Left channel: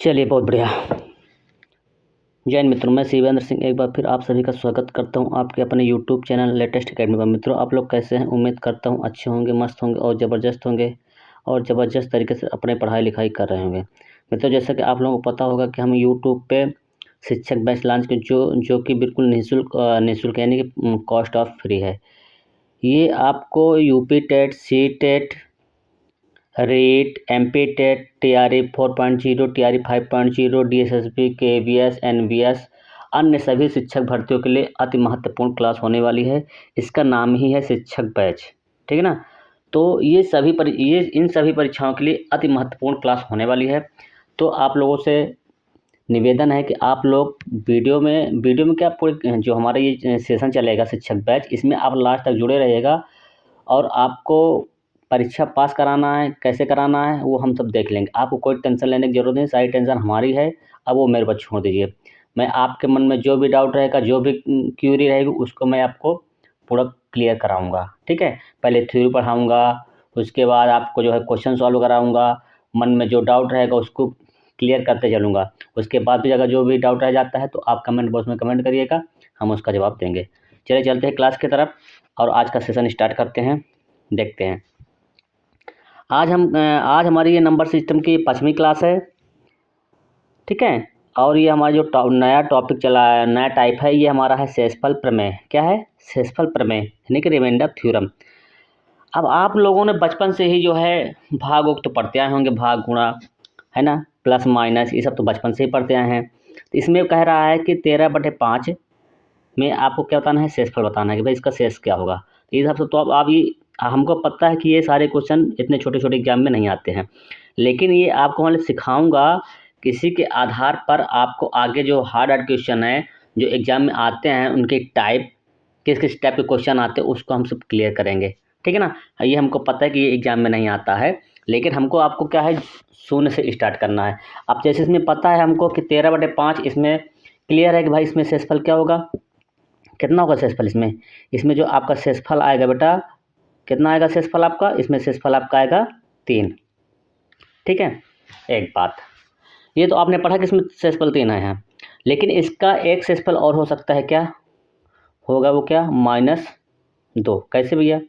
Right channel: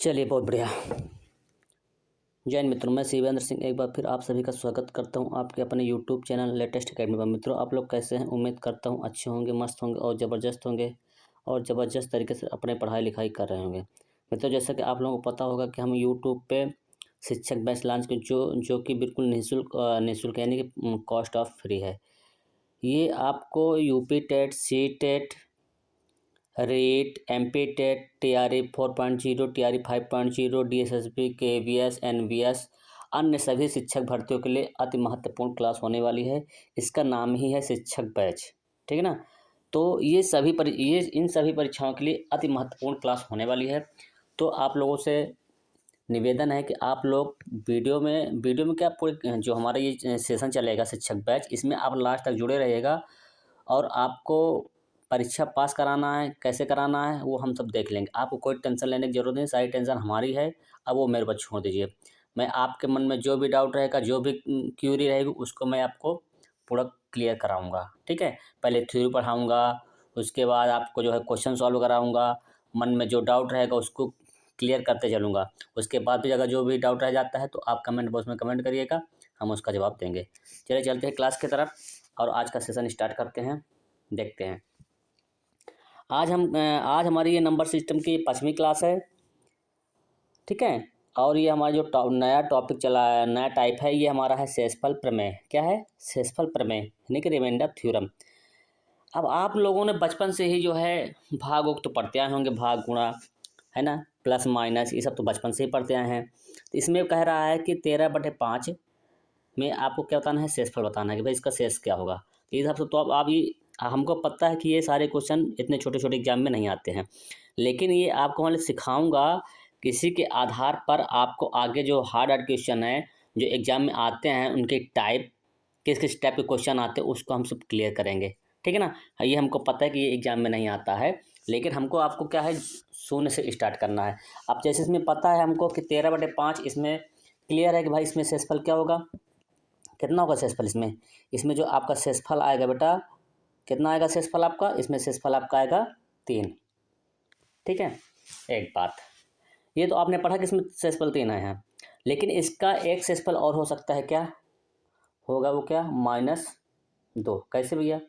चलिए, बहुत बढ़िया। जय हिंद मित्रों, मैं शिवेंद्र सिंह एक बार फिर आप सभी का स्वागत करता हूं आपके अपने यूट्यूब चैनल लेटेस्ट एकेडमी पर। मित्रों, आप लोग कैसे हैं? उम्मीद करता हूं अच्छे होंगे, मस्त होंगे और ज़बरदस्त तरीके से अपनी पढ़ाई लिखाई कर रहे होंगे। मित्रों, जैसा कि आप लोगों को पता होगा कि हम यूट्यूब पे शिक्षक बैच लॉन्च के जो कि बिल्कुल निःशुल्क यानी कि कॉस्ट ऑफ फ्री है। ये आपको UP TET, C TET, REET, MP TET, TRE 4.0, TRE 5.0, DSSB, KVS, NVS, अन्य सभी शिक्षक भर्तियों के लिए अति महत्वपूर्ण क्लास होने वाली है। इसका नाम ही है शिक्षक बैच, ठीक है ना। तो ये इन सभी परीक्षाओं के लिए अति महत्वपूर्ण क्लास होने वाली है। तो आप लोगों से निवेदन है कि आप लोग वीडियो में क्या पूरे जो हमारा ये सेशन चलेगा शिक्षक बैच, इसमें आप लास्ट तक जुड़े रहिएगा। और आपको परीक्षा पास कराना है, कैसे कराना है वो हम सब देख लेंगे। आपको कोई टेंशन लेने की ज़रूरत नहीं, सारी टेंशन हमारी है। अब वो मेरे पर छोड़ दीजिए। मैं आपके मन में जो भी डाउट रहेगा, जो भी क्यूरी रहेगी, उसको मैं आपको पूरा क्लियर कराऊँगा, ठीक है। पहले थ्योरी पढ़ाऊँगा, उसके बाद आपको जो है क्वेश्चन सॉल्व कराऊँगा। मन में जो डाउट रहेगा उसको क्लियर करते चलूँगा। उसके बाद भी अगर जो भी डाउट रह जाता है तो आप कमेंट बॉक्स में कमेंट करिएगा, हम उसका जवाब देंगे। चलिए चलते हैं क्लास की तरफ और आज का सेशन स्टार्ट करते हैं, देखते हैं। आज हमारी ये नंबर सिस्टम की 5वीं क्लास है, ठीक है। और ये हमारा जो नया टॉपिक चला है, नया टाइप है, ये हमारा है शेषफल प्रमेय। क्या है? शेषफल प्रमेय यानी कि रिमाइंडर थ्योरम। अब आप लोगों ने बचपन से ही जो है भाग उक्त पढ़ते आए होंगे, भाग गुणा, है ना, प्लस माइनस, ये सब तो बचपन से ही पढ़ते आए हैं। तो इसमें कह रहा है कि 13/5 में आपको क्या बताना है? शेषफल बताना है कि भाई इसका शेष क्या होगा। तो इस हिसाब से तो अब आप ये हमको पता है कि ये सारे क्वेश्चन इतने छोटे छोटे एग्जाम में नहीं आते हैं, लेकिन ये आपको मैं सिखाऊंगा। किसी के आधार पर आपको आगे जो हार्ड क्वेश्चन है जो एग्जाम में आते हैं, उनके टाइप, किस किस टाइप के क्वेश्चन आते हैं, उसको हम सब क्लियर करेंगे, ठीक है ना। ये हमको पता है कि ये एग्जाम में नहीं आता है, लेकिन हमको आपको क्या है, शून्य से स्टार्ट करना है। अब जैसे इसमें पता है हमको कि 13/5 इसमें क्लियर है कि भाई इसमें शेषफल क्या होगा, कितना होगा शेषफल इसमें। इसमें जो आपका शेषफल आएगा बेटा, कितना आएगा शेषफल आपका? इसमें शेषफल आपका आएगा 3, ठीक है। एक बात, ये तो आपने पढ़ा कि इसमें शेषफल 3 आए हैं, लेकिन इसका एक शेषफल और हो सकता है। क्या होगा वो? क्या? -2। कैसे भैया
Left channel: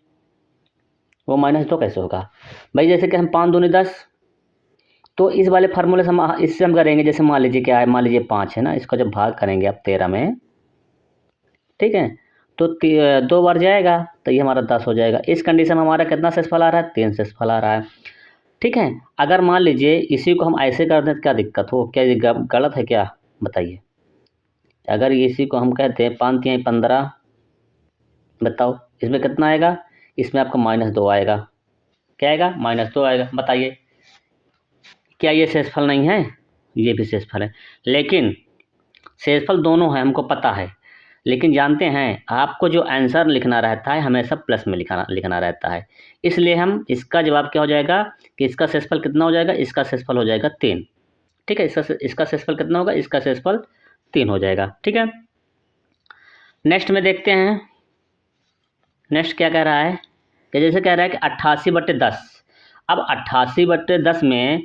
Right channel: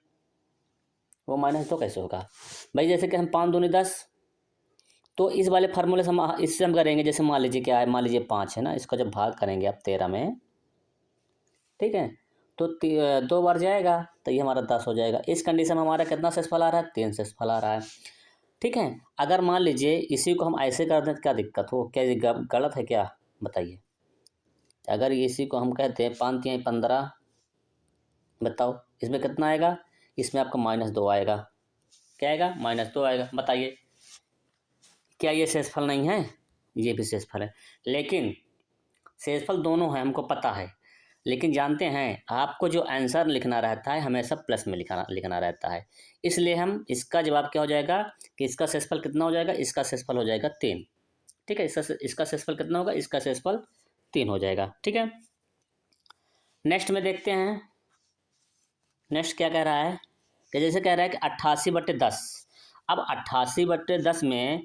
वो -2 कैसे होगा भाई? जैसे कि हम 5 दूनी 10, तो इस वाले फार्मूले से हम इससे हम करेंगे। जैसे मान लीजिए क्या है, मान लीजिए 5 है ना, इसका जब भाग करेंगे आप 13 में, ठीक है, तो 2 बार जाएगा तो ये हमारा 10 हो जाएगा। इस कंडीशन में हमारा कितना शेषफल आ रहा है? 3 शेषफल आ रहा है, ठीक है। अगर मान लीजिए इसी को हम ऐसे कर दें तो क्या दिक्कत हो? क्या ये गलत है क्या? बताइए। अगर इसी को हम कहते हैं 5 3 15, बताओ इसमें कितना आएगा? इसमें आपका -2 आएगा। क्या आएगा? -2 आएगा। बताइए, क्या ये शेषफल नहीं है? ये भी शेषफल है, लेकिन शेषफल दोनों हैं, हमको पता है। लेकिन जानते हैं आपको जो आंसर लिखना रहता है हमेशा प्लस में लिखना रहता है। इसलिए हम इसका जवाब क्या हो जाएगा कि इसका शेषफल कितना हो जाएगा? इसका शेषफल हो जाएगा 3, ठीक है। इसका शेषफल कितना होगा? इसका शेषफल 3 हो जाएगा, ठीक है। नेक्स्ट में देखते हैं, नेक्स्ट क्या कह रहा है कि जैसे कह रहा है कि 88/10। अब 88/10 में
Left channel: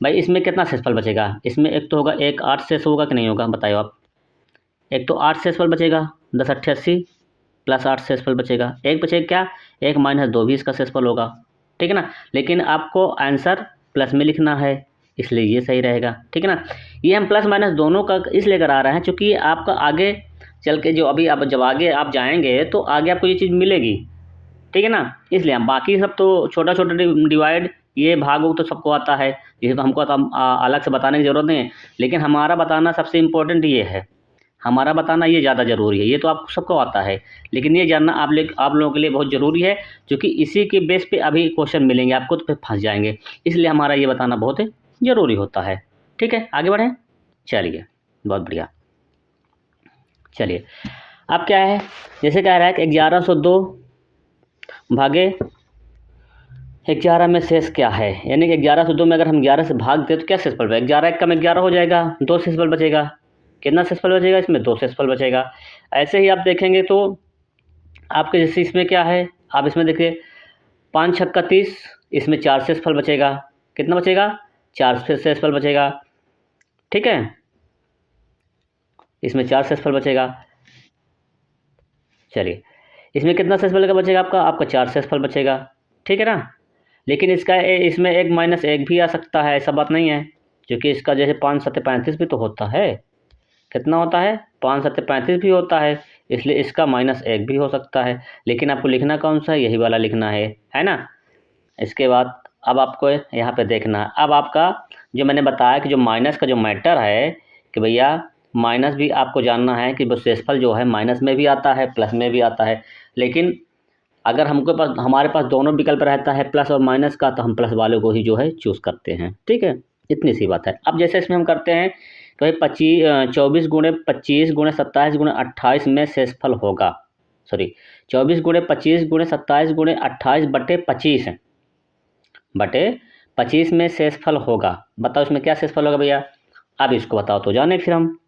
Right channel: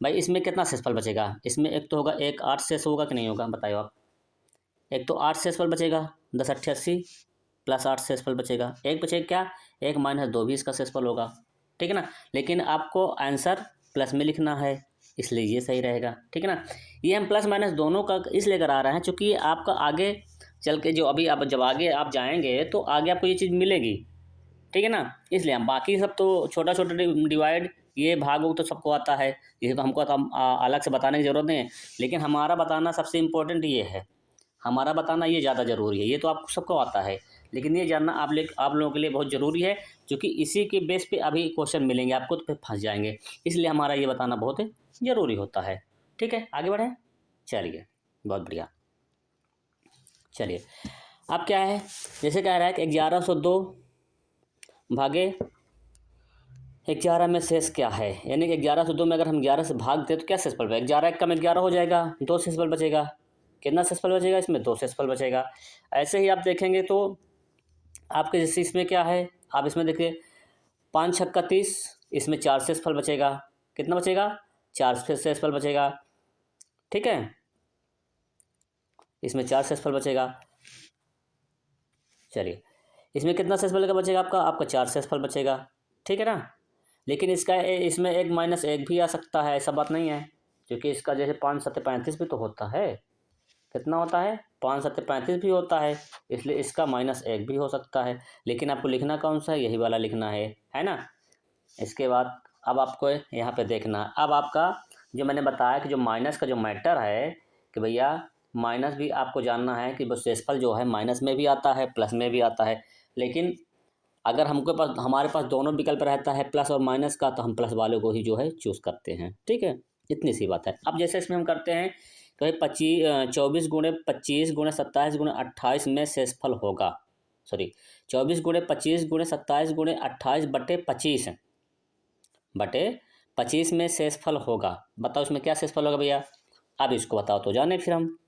भाई इसमें कितना शेषफल बचेगा? इसमें एक तो होगा, एक 8 शेष होगा कि नहीं होगा? बताइए आप। एक तो 8 शेषफल बचेगा, 10 8 80 प्लस 8 शेषफल बचेगा। एक बचेगा क्या? एक -2 भी इसका शेषफल होगा, ठीक है ना। लेकिन आपको आंसर प्लस में लिखना है, इसलिए ये सही रहेगा, ठीक है ना। ये हम प्लस माइनस दोनों का इसलिए करा रहे हैं क्योंकि ये आपका आगे चल के जो अभी आप जब आगे आप जाएंगे तो आगे आपको ये चीज़ मिलेगी, ठीक है ना। इसलिए हम बाकी सब तो छोटा छोटा डिवाइड, ये भाग वो तो सबको आता है, ये तो हमको तो अलग से बताने की ज़रूरत नहीं है। लेकिन हमारा बताना सबसे इम्पोर्टेंट ये है, हमारा बताना ये ज़्यादा ज़रूरी है। ये तो आप सबको आता है, लेकिन ये जानना आप लोगों के लिए बहुत ज़रूरी है, क्योंकि इसी के बेस पे अभी क्वेश्चन मिलेंगे आपको तो फिर फंस जाएंगे। इसलिए हमारा ये बताना बहुत ज़रूरी होता है, ठीक है। आगे बढ़ें, चलिए, बहुत बढ़िया। चलिए, अब क्या है, जैसे कह रहा है कि 1102 भागे 11 में शेष क्या है, यानी कि 1102 में अगर हम 11 से भाग दें तो क्या शेषफल बचेगा? 11 1 कम 11 हो जाएगा, 2 शेषफल बचेगा। कितना शेषफल बचेगा? इसमें 2 शेषफल बचेगा। ऐसे ही आप देखेंगे तो आपके जैसे इसमें क्या है, आप इसमें देखिए 5 छक्का 30, इसमें 4 शेषफल बचेगा। कितना बचेगा? 4 शेषफल बचेगा। ठीक है, इसमें 4 शेषफल बचेगा। चलिए, इसमें कितना शेषफल का बचेगा आपका 4 शेषफल बचेगा, ठीक है ना। लेकिन इसमें एक माइनस एक भी आ सकता है, ऐसा बात नहीं है, क्योंकि इसका जैसे 5 सत्ते 35 भी तो होता है। कितना होता है? 5 सत्ते 35 भी होता है, इसलिए इसका माइनस एक भी हो सकता है। लेकिन आपको लिखना कौन सा है? यही वाला लिखना है ना। इसके बाद अब आपको यहाँ पे देखना है। अब आपका जो मैंने बताया कि जो माइनस का जो मैटर है कि भैया माइनस भी आपको जानना है कि वो शेषफल जो है माइनस में भी आता है प्लस में भी आता है। लेकिन अगर हमारे पास दोनों विकल्प रहता है प्लस और माइनस का, तो हम प्लस वाले को ही जो है चूज़ करते हैं, ठीक है। इतनी सी बात है। अब जैसे इसमें हम करते हैं तो भाई 24 गुणे 25 गुणे 27 गुणे 28 में शेषफल होगा, सॉरी 24 गुणे 25 गुणे 27 गुणे 28 बटे 25 में शेषफल होगा। बताओ इसमें क्या शेषफल होगा भैया? अब इसको बताओ तो जाने फिर हम।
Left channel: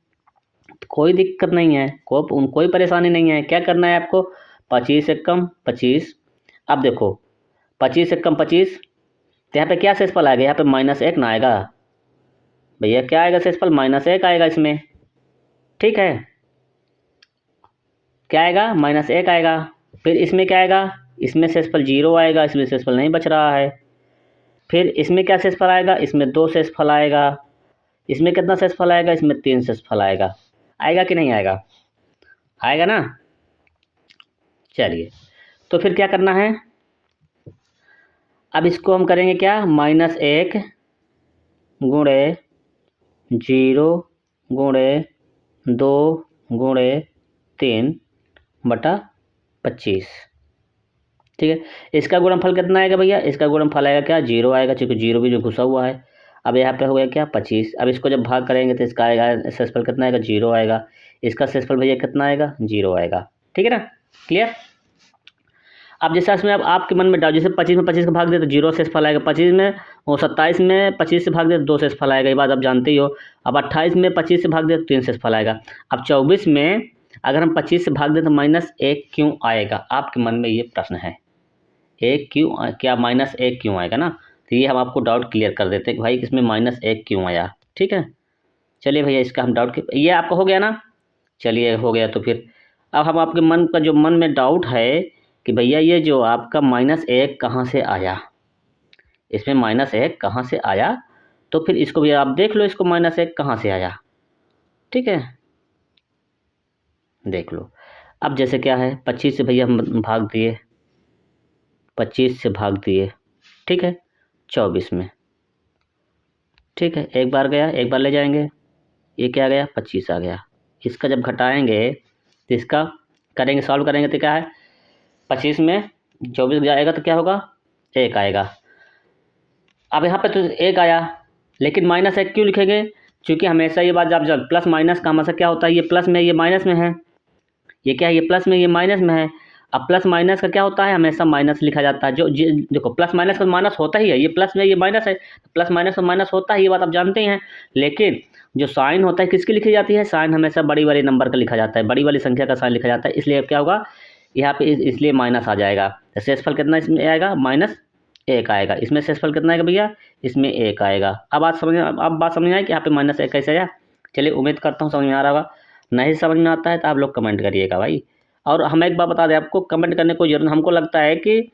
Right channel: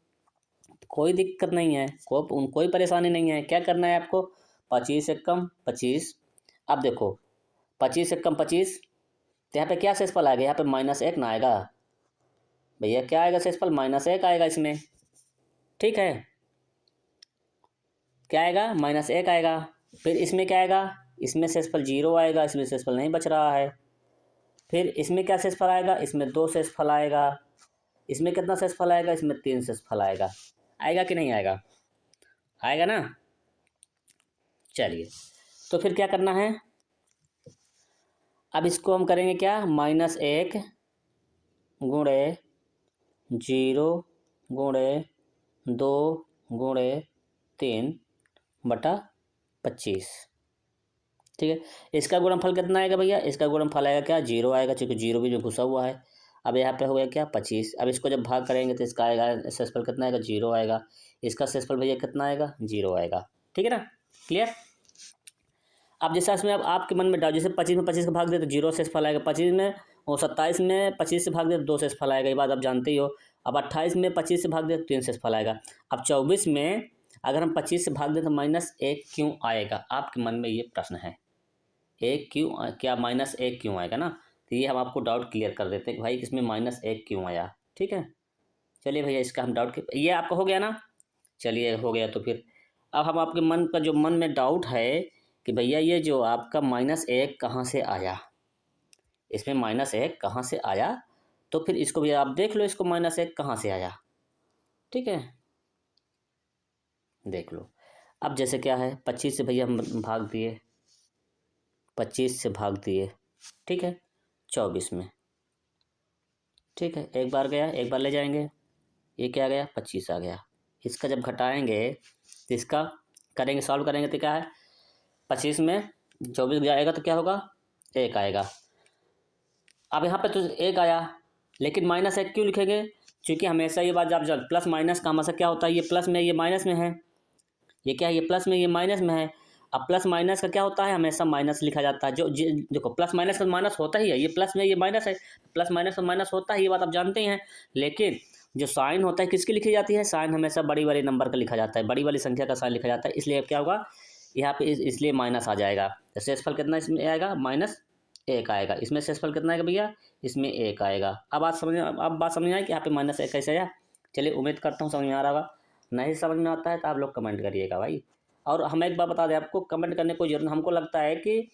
कोई दिक्कत नहीं है, कोई परेशानी नहीं है। क्या करना है आपको? 25 से कम 25। अब देखो 25 से कम 25, तो यहाँ पे क्या शेषफल आएगा? यहाँ पे -1 ना आएगा भैया? क्या आएगा शेषफल? -1 आएगा इसमें, ठीक है। क्या आएगा? -1 आएगा। फिर इसमें क्या आएगा? इसमें शेषफल 0 आएगा, इसमें शेषफल नहीं बच रहा है। फिर इसमें क्या शेषफल आएगा? इसमें 2 शेषफल आएगा। इसमें कितना शेषफल आएगा? इसमें 3 शेषफल आएगा। आएगा कि नहीं आएगा? आएगा ना। चलिए, तो फिर क्या करना है? अब इसको हम करेंगे क्या? -1 गुणे 0 गुणे 2 गुणे 3 बटा 25, ठीक है। इसका गुणनफल कितना आएगा भैया? इसका गुणनफल आएगा क्या? 0 आएगा, क्योंकि 0 भी जो घुसा हुआ है। अब यहाँ पे हो गया क्या? 25। अब इसको जब भाग करेंगे तो इसका आएगा शेषफल कितना आएगा? 0 आएगा। इसका शेषफल भैया कितना आएगा? 0 आएगा, ठीक है ना। क्लियर? अब जैसे इसमें अब आपके मन में डाउट, जैसे 25 में 25 का भाग दे तो 0 शेषफल आएगा, 25 में और 27 में 25 से भाग दे तो 2 शेषफल आएगा, ये बात आप जानते ही हो। अब 28 में 25 से भाग दे तो 3 शेषफल आएगा। अब 24 में अगर हम 25 से भाग दें तो -1 क्यों आएगा? आपके मन में ये प्रश्न है, एक क्यों, क्या -1 क्यों आएगा ना। तो ये हम आपको डाउट क्लियर कर देते हैं कि भाई इसमें -1 क्यों आया, ठीक है। चलिए भैया, इसका हम डाउट, ये आपका हो गया ना। चलिए हो गया, तो फिर अब हम आपके मन में डाउट है कि भैया ये जो आपका -1 कहाँ से आया, इसमें -1 कहाँ से आया, तो फिर इसको भी आप देख लो, इसको -1 कहाँ से आया, ठीक है। देख लो। अब जैसे क्या है, 25 से भैया हम भाग दिए, 25 से भाग दिए, ठीक है 24 में, ठीक है। एक बार गया, एक बार ले जाएंगे, ये क्या आ गया? 25 आ गया। इसका जब घटाएंगे तो इसका करेंगे, सॉल्व करेंगे तो क्या है? 25 में 24 जाएगा तो क्या होगा? 1 आएगा। अब यहाँ पे तो 1 आया, लेकिन -1 क्यों लिखेंगे? क्योंकि हमेशा ये बात जब प्लस माइनस का हमेशा क्या होता है, ये प्लस में ये माइनस में है, ये क्या है? ये प्लस में ये माइनस में है। अब प्लस माइनस का क्या होता है? हमेशा माइनस लिखा जाता है। देखो प्लस माइनस का माइनस होता ही है, ये प्लस में ये माइनस है, प्लस माइनस का माइनस होता है, ये बात आप जानते ही हैं। लेकिन जो साइन होता है किसकी लिखी जाती है? साइन हमेशा बड़ी वाली नंबर का लिखा जाता है, बड़ी वाली संख्या का साइन लिखा जाता है। इसलिए क्या होगा यहाँ पे? इसलिए माइनस आ जाएगा। तो शेषफल कितना इसमें आएगा? -1 आएगा। इसमें शेषफल कितना आएगा भैया? इसमें 1 आएगा। अब बात समझ में आई कि यहाँ पे -1 कैसे आया? चलिए, उम्मीद करता हूँ समझ में आ रहा होगा। नहीं समझ में आता है तो आप लोग कमेंट करिएगा भाई। और हम एक बात बता दें आपको, कमेंट करने को जरूरत, हमको लगता है कि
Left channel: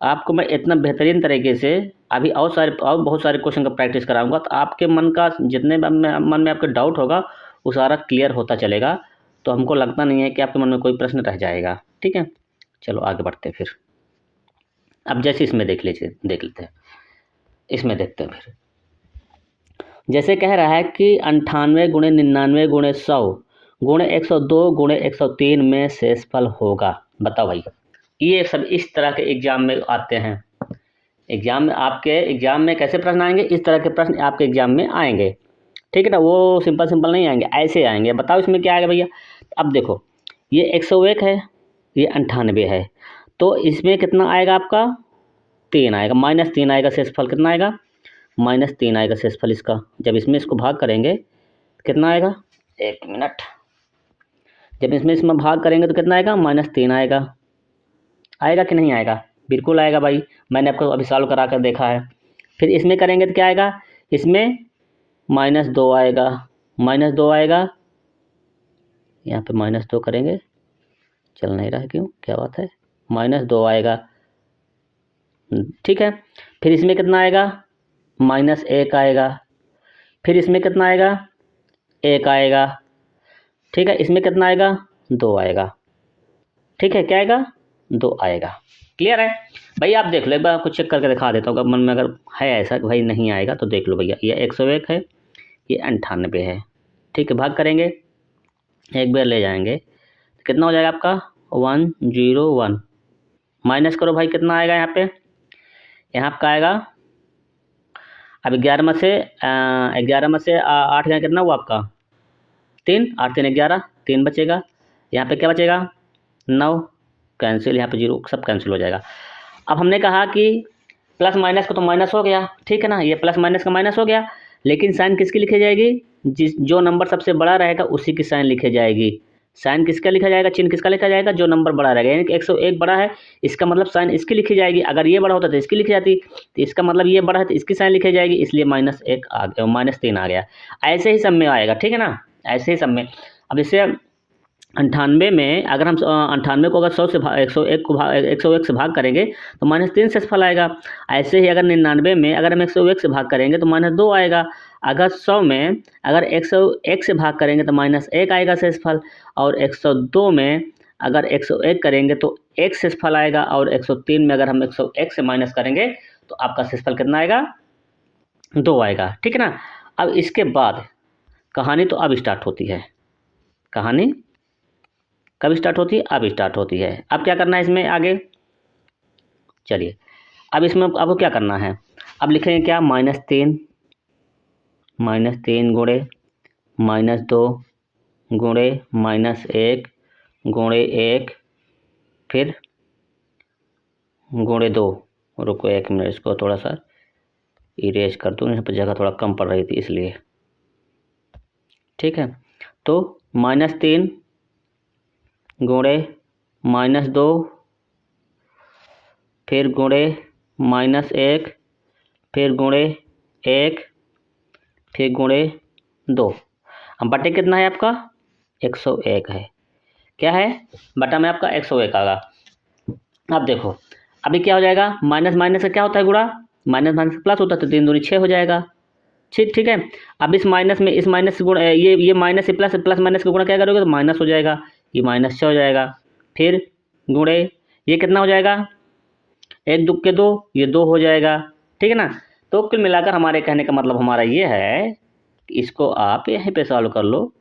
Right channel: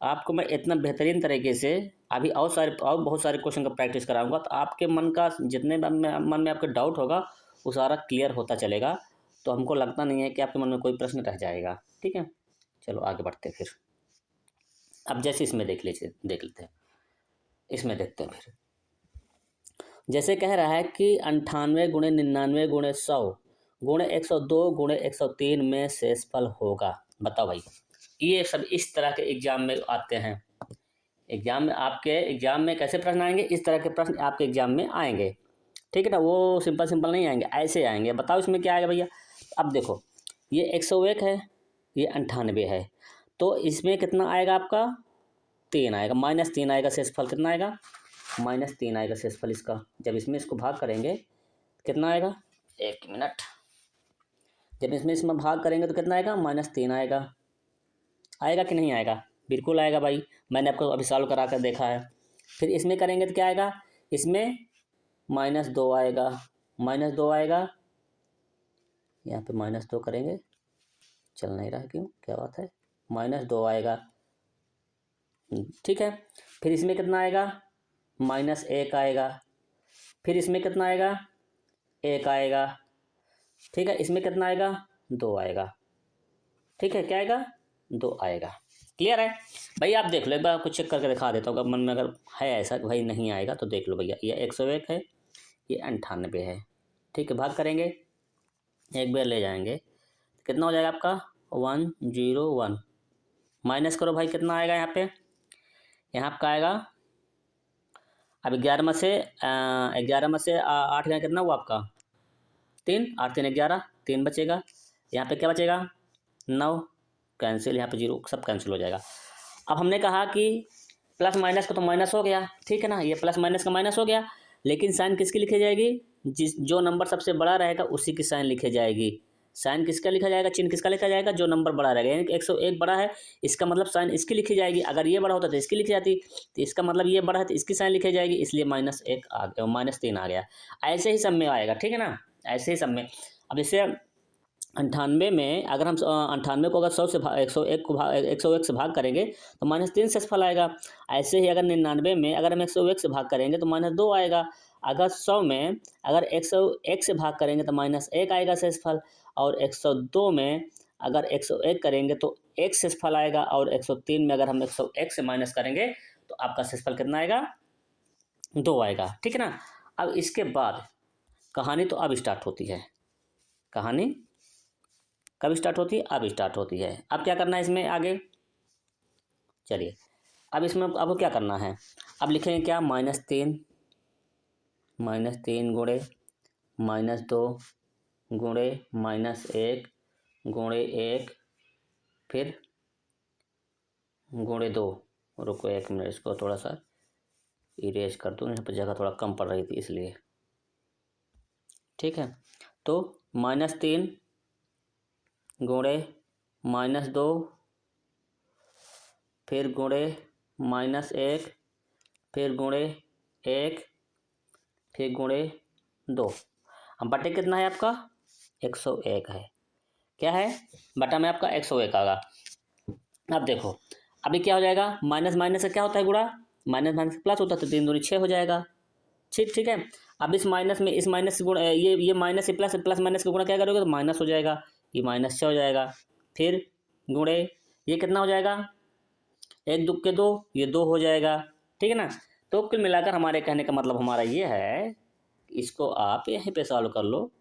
आपको मैं इतना बेहतरीन तरीके से अभी और बहुत सारे क्वेश्चन का प्रैक्टिस कराऊंगा, तो आपके मन का जितने मन में आपके डाउट होगा वो सारा क्लियर होता चलेगा। तो हमको लगता नहीं है कि आपके मन में कोई प्रश्न रह जाएगा, ठीक है। चलो आगे बढ़ते हैं फिर। अब जैसे इसमें देख लेते हैं, इसमें देखते हैं फिर। जैसे कह रहा है कि 98 गुणे 99 गुणे 100 गुणे 102 गुणे 103 में शेषफल होगा। बताओ भाई, ये सब इस तरह के एग्जाम में आते हैं। आपके एग्जाम में कैसे प्रश्न आएंगे? इस तरह के प्रश्न आपके एग्जाम में आएंगे, ठीक है ना। वो सिंपल नहीं आएंगे, ऐसे आएंगे। बताओ इसमें क्या आएगा भैया? अब देखो, ये 101 है, ये 98 है, तो इसमें कितना आएगा आपका? 3 आएगा, -3 आएगा शेषफल। कितना आएगा? -3 आएगा शेषफल इसका। जब इसमें इसको भाग करेंगे कितना आएगा? 1 मिनट। जब इसमें भाग करेंगे तो कितना आएगा? -3 आएगा। आएगा कि नहीं आएगा? बिल्कुल आएगा भाई, मैंने आपको अभी सॉल्व करा कर देखा है। फिर इसमें करेंगे तो क्या आएगा? इसमें -2 आएगा, -2 आएगा, यहाँ पे -2 करेंगे, चल नहीं रहा है क्यों, क्या बात है, -2 आएगा। ठीक है, फिर इसमें कितना आएगा, -1 आएगा, फिर इसमें कितना आएगा, 1 आएगा। ठीक है, इसमें कितना आएगा, 2 आएगा। ठीक है, क्या आएगा, 2 आएगा। क्लियर है भाई? आप देख लो एक बार, कुछ चेक करके दिखा देता हूँ, अगर मन में अगर है ऐसा कि भाई नहीं आएगा तो देख लो भैया। ये 101 है, ये 98 है। ठीक है, भाग करेंगे, एक बार ले जाएंगे, कितना हो जाएगा आपका, 101। माइनस करो भाई, कितना आएगा यहाँ पे, यहाँ आपका आएगा, अब 11 में से 8 गया, कितना हुआ आपका, 3, 8 3 11, 3 बचेगा। यहाँ पे क्या बचेगा, 9, कैंसिल, यहाँ पे 0, सब कैंसिल हो जाएगा। अब हमने कहा कि प्लस माइनस का तो माइनस हो गया, ठीक है ना, ये प्लस माइनस का माइनस हो गया, लेकिन साइन किसकी लिखी जाएगी, जो नंबर सबसे बड़ा रहेगा उसी की साइन लिखी जाएगी। साइन किसका लिखा जाएगा, चिन्ह किसका लिखा जाएगा, जो नंबर बड़ा रहेगा, यानी कि 101 बड़ा है, इसका मतलब साइन इसकी लिखी जाएगी। अगर ये बड़ा होता तो इसकी लिखी जाती, तो इसका मतलब ये बड़ा है तो इसकी साइन लिखी जाएगी, इसलिए -1 आ गया, -3 आ गया। ऐसे ही सब में आएगा, ठीक है ना, ऐसे ही सब में। अब जैसे 98 में अगर हम 98 को अगर 100 से 101 से भाग करेंगे तो -3 शेषफल आएगा। ऐसे ही अगर 99 में अगर हम 101 से भाग करेंगे तो -2 आएगा। अगर 100 में अगर 101 से भाग करेंगे तो -1 आएगा शेषफल, और 102 में अगर 101 करेंगे तो 1 शेषफल आएगा, और 103 में अगर हम 101 से माइनस करेंगे तो आपका शेषफल कितना आएगा, 2 आएगा। ठीक है ना। अब इसके बाद कहानी तो अब स्टार्ट होती है। कहानी कब स्टार्ट होती है, अब स्टार्ट होती है। अब क्या करना है इसमें आगे, चलिए अब इसमें आपको क्या करना है, अब लिखेंगे क्या, -3 गुणे -2 गुणे -1 गुणे 1 फिर गुणे 2। रुको 1 मिनट, इसको थोड़ा सा इरेज कर दूँ, यहाँ पर जगह थोड़ा कम पड़ रही थी इसलिए। ठीक है, तो -3 गुणे -2 फिर गुणे -1 फिर गुणे 1 फिर गुणे 2। अब बटे कितना है आपका, 101 है। क्या है, बटा में आपका 101 आएगा। अब देखो अभी क्या हो जाएगा, माइनस माइनस का क्या होता है गुणा, माइनस माइनस प्लस होता है, तो 3 दूनी 6 हो जाएगा। ठीक है। अब इस माइनस में इस माइनस से गुणा, ये माइनस से प्लस, प्लस माइनस का गुणा क्या करोगे तो माइनस हो जाएगा, ये -6 हो जाएगा। फिर गुणे ये कितना हो जाएगा, 1 2 के 2, ये 2 हो जाएगा। ठीक है ना। तो कुल मिलाकर हमारे कहने का मतलब हमारा ये है कि इसको आप यहीं पे सॉल्व कर लो।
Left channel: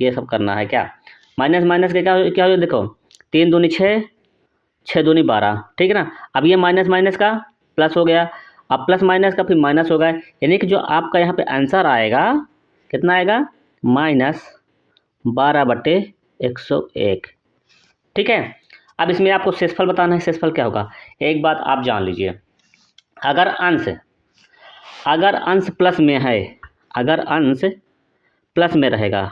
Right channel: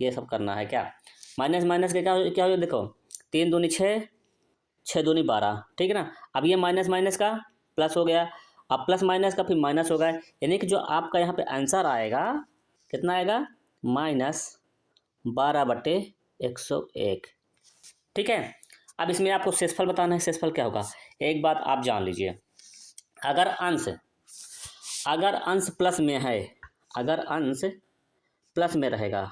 ये सब करना है क्या, माइनस माइनस के क्या क्या हो, देखो 3 दूनी 6, 6 दूनी 12। ठीक है ना। अब ये माइनस माइनस का प्लस हो गया, अब प्लस माइनस का फिर माइनस होगा, यानी कि जो आपका यहाँ पे आंसर आएगा कितना आएगा, -12/101। ठीक है। अब इसमें आपको शेषफल बताना है, शेषफल क्या होगा। एक बात आप जान लीजिए, अगर अंश प्लस में है, अगर अंश प्लस में रहेगा,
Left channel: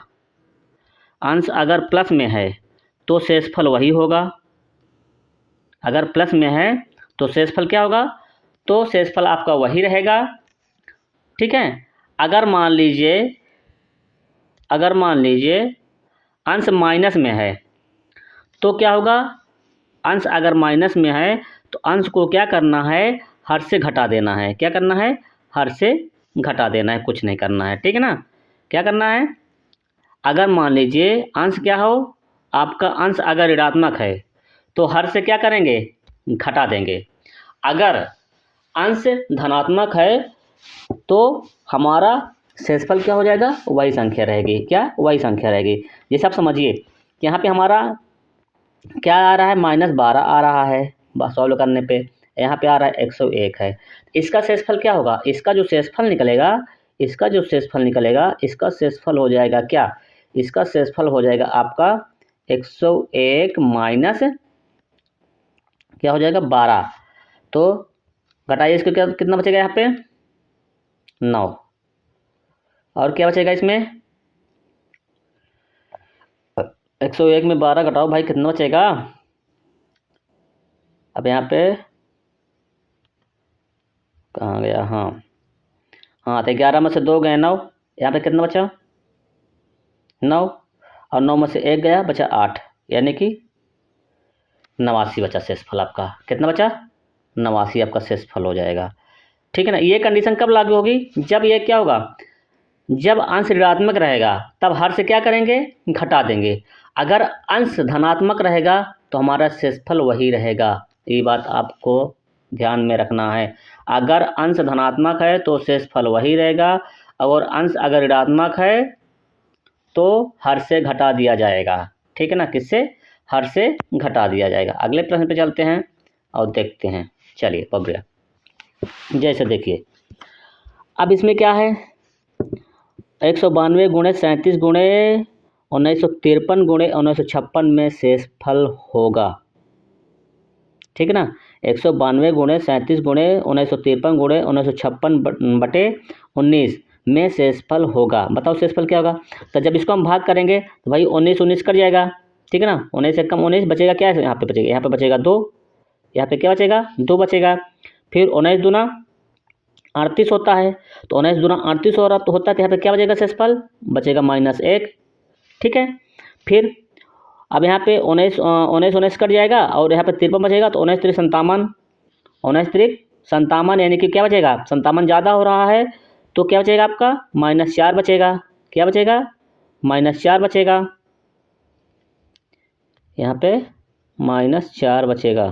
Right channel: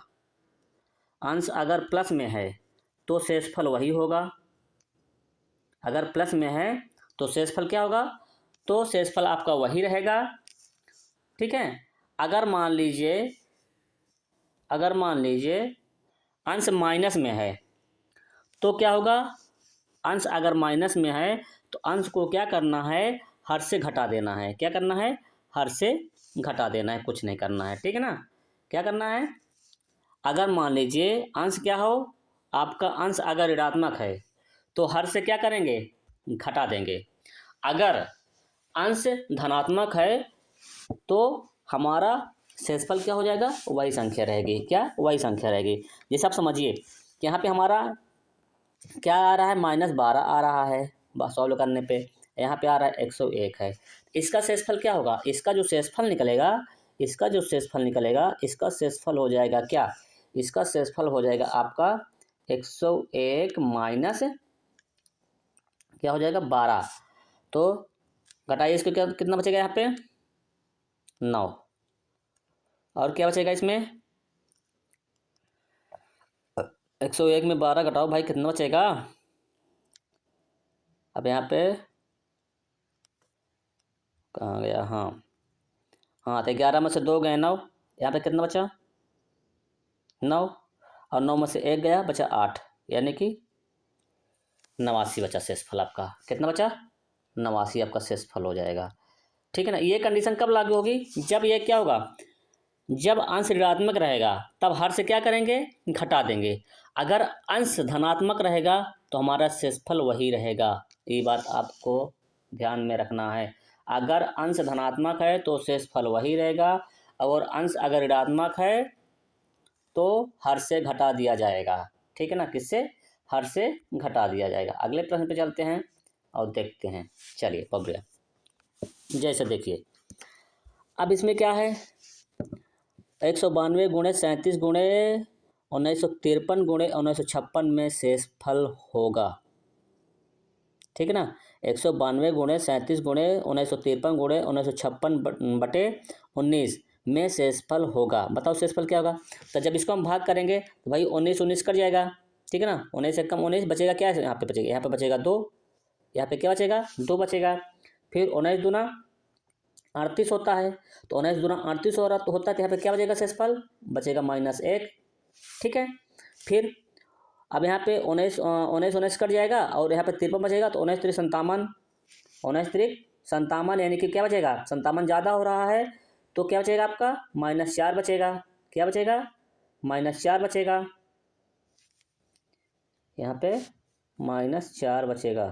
अंश अगर प्लस में है तो शेषफल वही होगा। अगर प्लस में है तो शेषफल क्या होगा, तो शेषफल आपका वही रहेगा। ठीक है। अगर मान लीजिए अंश माइनस में है तो क्या होगा, अंश अगर माइनस में है तो अंश को क्या करना है, हर से घटा देना है। क्या करना है, हर से घटा देना है, कुछ नहीं करना है। ठीक है ना। क्या करना है, अगर मान लीजिए अंश क्या हो, आपका अंश अगर ऋणात्मक है तो हर से क्या करेंगे, घटा देंगे। अगर अंश धनात्मक है तो हमारा शेषफल क्या हो जाएगा, वही संख्या रहेगी। क्या, वही संख्या रहेगी। जैसे आप समझिए कि यहाँ पे हमारा क्या आ रहा है, -12 आ रहा है, बस सॉल्व करने पे यहाँ पे आ रहा है 101 है। इसका शेषफल क्या होगा, इसका जो शेषफल निकलेगा, इसका शेषफल हो जाएगा क्या, इसका शेषफल हो जाएगा आपका 101 माइनस क्या हो जाएगा, 12। तो घटाइए इसको, क्या कितना बचेगा यहाँ पे, 9। और क्या बचेगा इसमें, 101 में 12 घटाओ भाई, कितना बचेगा। अब यहाँ पे कहाँ गया, हाँ हाँ, तो 11 में से 2 गए 9, यहाँ पे कितना बचा 9, और 9 में से 1 गया, बचा 8, यानी कि 89 बचा शेषफल आपका। कितना बचा 89 आपका शेषफल हो जाएगा। ठीक है ना। ये कंडीशन कब लागू होगी, जब ये क्या होगा, जब अंश ऋणात्मक रहेगा तब हर से क्या करेंगे, घटा देंगे। अगर अंश धनात्मक रहेगा तो हमारा शेषफल वही रहेगा। ये बात आपको ध्यान में रखना है। अगर अंश धनात्मक है तो शेषफल वही रहेगा, और अंश अगर ऋणात्मक है तो हर से घटा दिया जाएगा। ठीक है ना, किससे, हर से घटा दिया जाएगा। अगले प्रश्न पे चलते हैं और देखते हैं। चलिए बढ़िया, जैसे देखिए अब इसमें क्या है, 192 गुणे 37 गुणे 1953 गुणे 1956 में शेषफल होगा। ठीक है ना, 192 गुणे 37 गुणे 1953 गुणे 1956 बटे 19 में शेषफल होगा। बताओ शेषफल क्या होगा। तो जब इसको हम भाग करेंगे तो भाई 19 19 कट जाएगा। ठीक है ना, 19 से कम 19 बचेगा, क्या है यहाँ पे बचेगा, यहाँ पे बचेगा 2, यहाँ पे क्या बचेगा 2 बचेगा। फिर 19 दूना 38 होता है, तो 19 दूना 38 हो रहा तो होता है, तो यहाँ पे क्या बचेगा शेषफल, बचेगा -1। ठीक है, फिर अब यहाँ पे 19 19 कट जाएगा और यहाँ पे 53 बचेगा, तो 19 3 57, 19 3 57, यानी कि क्या बचेगा, 57 ज़्यादा हो रहा है तो क्या बचेगा आपका -4 बचेगा। क्या बचेगा -4 बचेगा, यहाँ पे -4 बचेगा।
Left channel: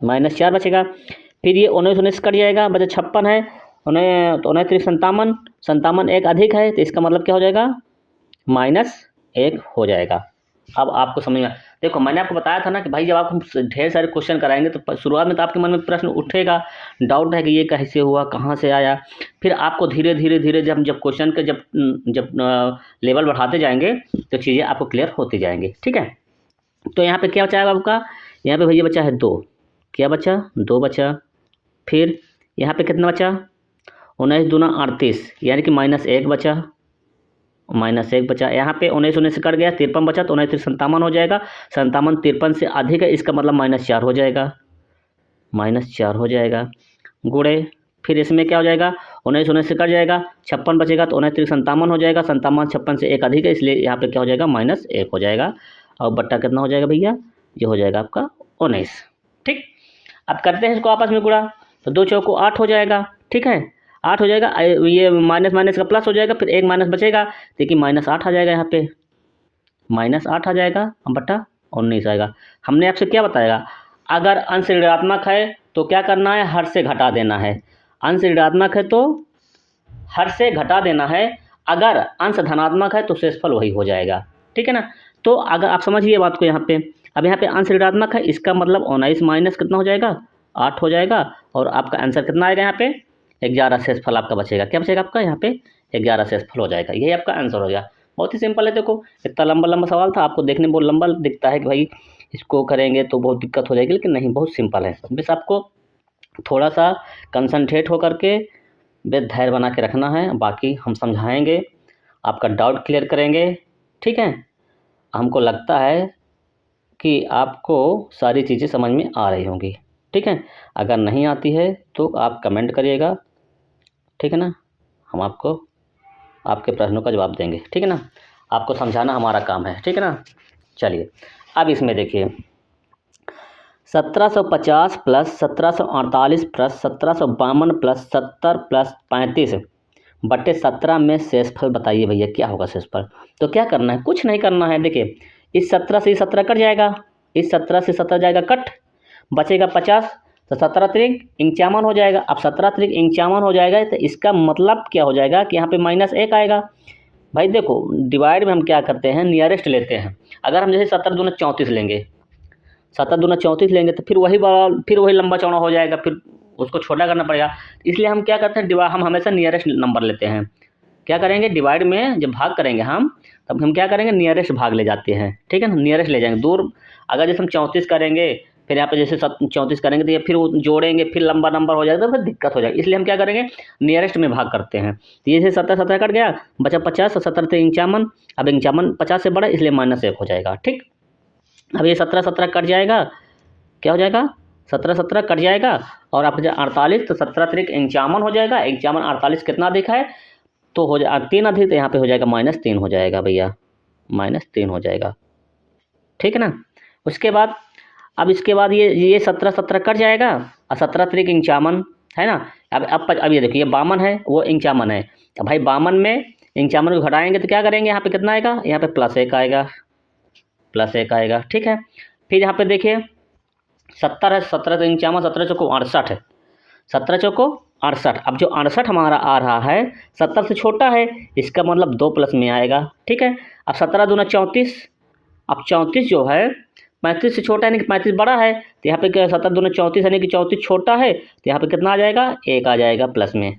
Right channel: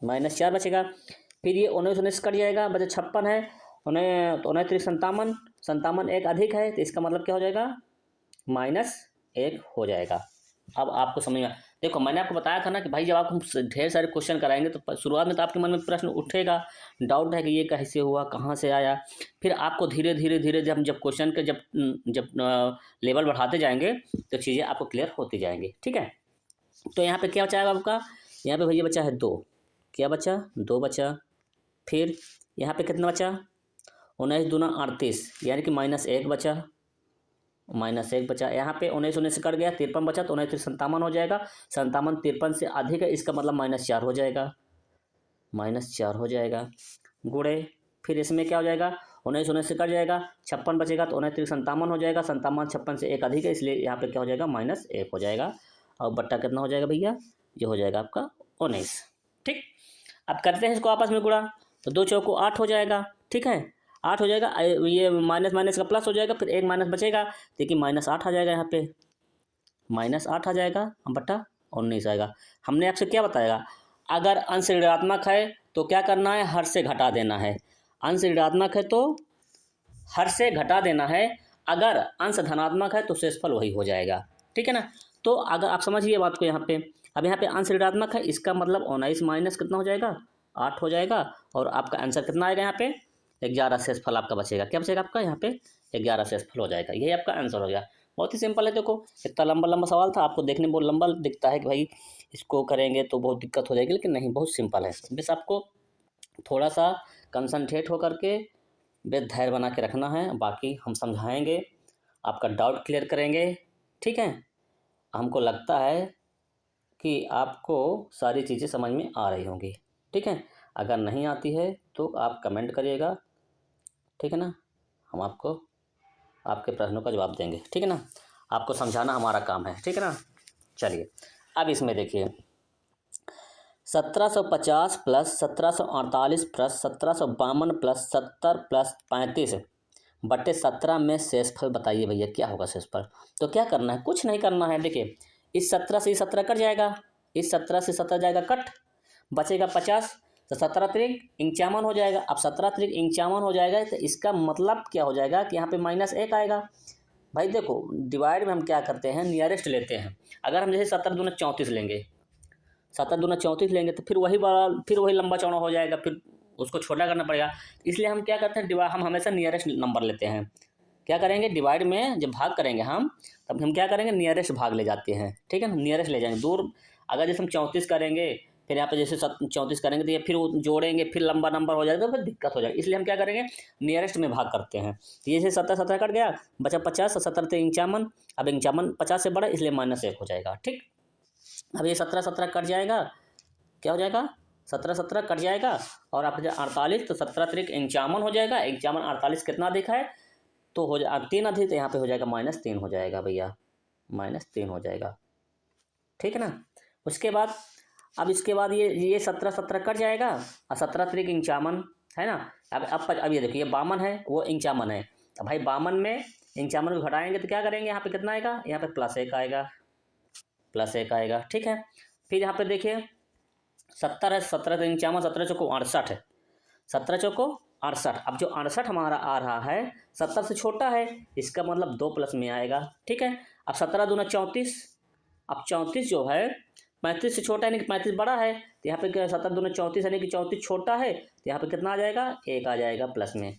-4 बचेगा। फिर ये 19 19 कट जाएगा, बचा 56 है, उन्हें तो 19 3 57, 57 एक अधिक है, तो इसका मतलब क्या हो जाएगा -1 हो जाएगा। अब आपको समझ में, देखो मैंने आपको बताया था ना कि भाई जब आप हम ढेर सारे क्वेश्चन कराएंगे तो शुरुआत में तो आपके मन में प्रश्न उठेगा, डाउट है कि ये कैसे हुआ, कहाँ से आया। फिर आपको धीरे धीरे धीरे जब क्वेश्चन के जब लेवल बढ़ाते जाएंगे तो चीज़ें आपको क्लियर होती जाएंगी। ठीक है, तो यहाँ पे क्या बचा है आपका, यहाँ पे भैया बचा है 2, क्या बचा 2 बचा। फिर यहाँ पे कितना बचा 19 दूना 38, यानी कि -1 बचा, -1 बचा। यहाँ पे 19 19 कट गया, 53 बचा, तो 19 3 57 हो जाएगा, 57 53 से अधिक है, इसका मतलब -4 हो जाएगा, -4 हो जाएगा। गुणे फिर इसमें क्या हो जाएगा, 19 19 से कट जाएगा, 56 बचेगा, तो 19 3 57 हो जाएगा, 57 56 से एक अधिक है, इसलिए यहाँ पे क्या हो जाएगा -1 हो जाएगा। और बट्टा कितना हो जाएगा भैया, ये हो जाएगा आपका 19। ठीक, अब करते हैं इसको आपस में गुणा, तो 2 चौको 8 हो जाएगा। ठीक है, 8 हो जाएगा, ये माइनस माइनस का प्लस हो जाएगा, फिर एक माइनस बचेगा, देखिए -8 आ जाएगा, यहाँ पे -8 आ जाएगा, बटा 19 आएगा। हमने आपसे क्या बताया, अगर अंश ऋणात्मक है तो क्या करना है, हर से घटा देना है। अंश ऋणात्मक है तो हर से घटा देना है, अगर अंश धनात्मक है तो शेषफल वही हो जाएगा। ठीक है ना, तो अगर आप समझिए बात को यहाँ पे, अब यहाँ पे अंश ऋणात्मक है, इसका मतलब 19 माइनस कितना हो जाएगा 8 हो जाएगा, और आपका आंसर कितना आएगा, यहाँ पे 11 शेषफल आपका बचेगा। क्या बचेगा आपका, यहाँ पे 11 शेषफल हो जाएगा, यही आपका आंसर हो गया। बहुत ही सिंपल है। देखो इतना लंबा लंबा सवाल था, आपको देखने में बहुत लंबा दिखता है कि भाई इसको करेंगे तो बहुत दिक्कत हो जाएगी, लेकिन नहीं, बहुत सिंपल है। बस आपको थोड़ा सा कंसंट्रेट होकर के बस धैर्य बना के रखना है, बाकी हम समझाएंगे, आपका डाउट क्लियर करेंगे। ठीक है, हमको लगता है कि आपको सारी चीज़ें समझ में आ रही होंगी। ठीक है, अगर नहीं आती है तो आप कमेंट करिएगा। ठीक है ना, हम आपको आपके प्रश्नों का जवाब देंगे। ठीक है ना, आपको समझाना हमारा काम है। ठीक है ना, चलिए अब इसमें देखिए 1750 प्लस 1748 प्लस 1752 प्लस 70 प्लस 35 बटे 17 में शेषफल बताइए भैया क्या होगा शेषफल। तो क्या करना है, कुछ नहीं करना है। देखिए इस 17 से 17 कट जाएगा, इस 17 से 17 जाएगा कट, बचेगा 50, तो 17 त्रिक 51 हो जाएगा। अब 17 त्रिक 51 हो जाएगा, तो इसका मतलब क्या हो जाएगा कि यहाँ पे -1 आएगा। भाई देखो डिवाइड में हम क्या करते हैं, नियरेस्ट लेते हैं। अगर हम जैसे 17 दूना 34 लेंगे, 17 दूना 34 लेंगे तो फिर वही लंबा चौड़ा हो जाएगा, फिर उसको छोटा करना पड़ेगा। इसलिए हम क्या करते हैं, हम हमेशा नियरेस्ट नंबर लेते हैं। क्या करेंगे, डिवाइड में जब भाग करेंगे हम, तब हम क्या करेंगे, नियरेस्ट भाग ले जाते हैं। ठीक है ना, नियरेस्ट ले जाएंगे। दूर अगर जैसे हम 34 करेंगे, फिर यहाँ पे जैसे 34 करेंगे तो ये फिर वो जोड़ेंगे, फिर लंबा नंबर हो जाएगा, तो फिर दिक्कत हो जाएगी। इसलिए हम क्या करेंगे, नियरेस्ट में भाग करते हैं। तो ये 17 कट गया, बचा 50, 17 से 51, अब 51 50 से बड़ा, इसलिए -1 हो जाएगा। ठीक, अब ये 17 कट जाएगा, क्या हो जाएगा 17 17 कट जाएगा और आप 48, तो 17 तरीक 51 हो जाएगा। 51 48 कितना अधिक है, तो हो जाए 3 अधिक, तो यहाँ पे हो जाएगा -3 हो जाएगा भैया, -3 हो जाएगा। ठीक है ना। उसके बाद अब इसके बाद ये 17 17 कट जाएगा और 17 तरीक 51 है ना। अब ये देखिए, ये 52 है, वो 51 है। अब भाई 52 में 51 को घटाएंगे तो क्या करेंगे, यहाँ पे कितना आएगा, यहाँ पे +1 आएगा, +1 आएगा। ठीक है। फिर यहाँ पे देखिए 70 है, 17 तो 51, 17 चौको 68 है, 17 चौको 68। अब जो 68 हमारा आ रहा है 70 से छोटा है, इसका मतलब 2 प्लस में आएगा। ठीक है। अब 17 दूना 34, अब 34 जो है 35 से छोटा है, यानी कि 35 बड़ा है, तो यहाँ पे क्या 17 दूना 34 यानी कि 34 छोटा है, तो यहाँ पे कितना आ जाएगा, 1 आ जाएगा प्लस में।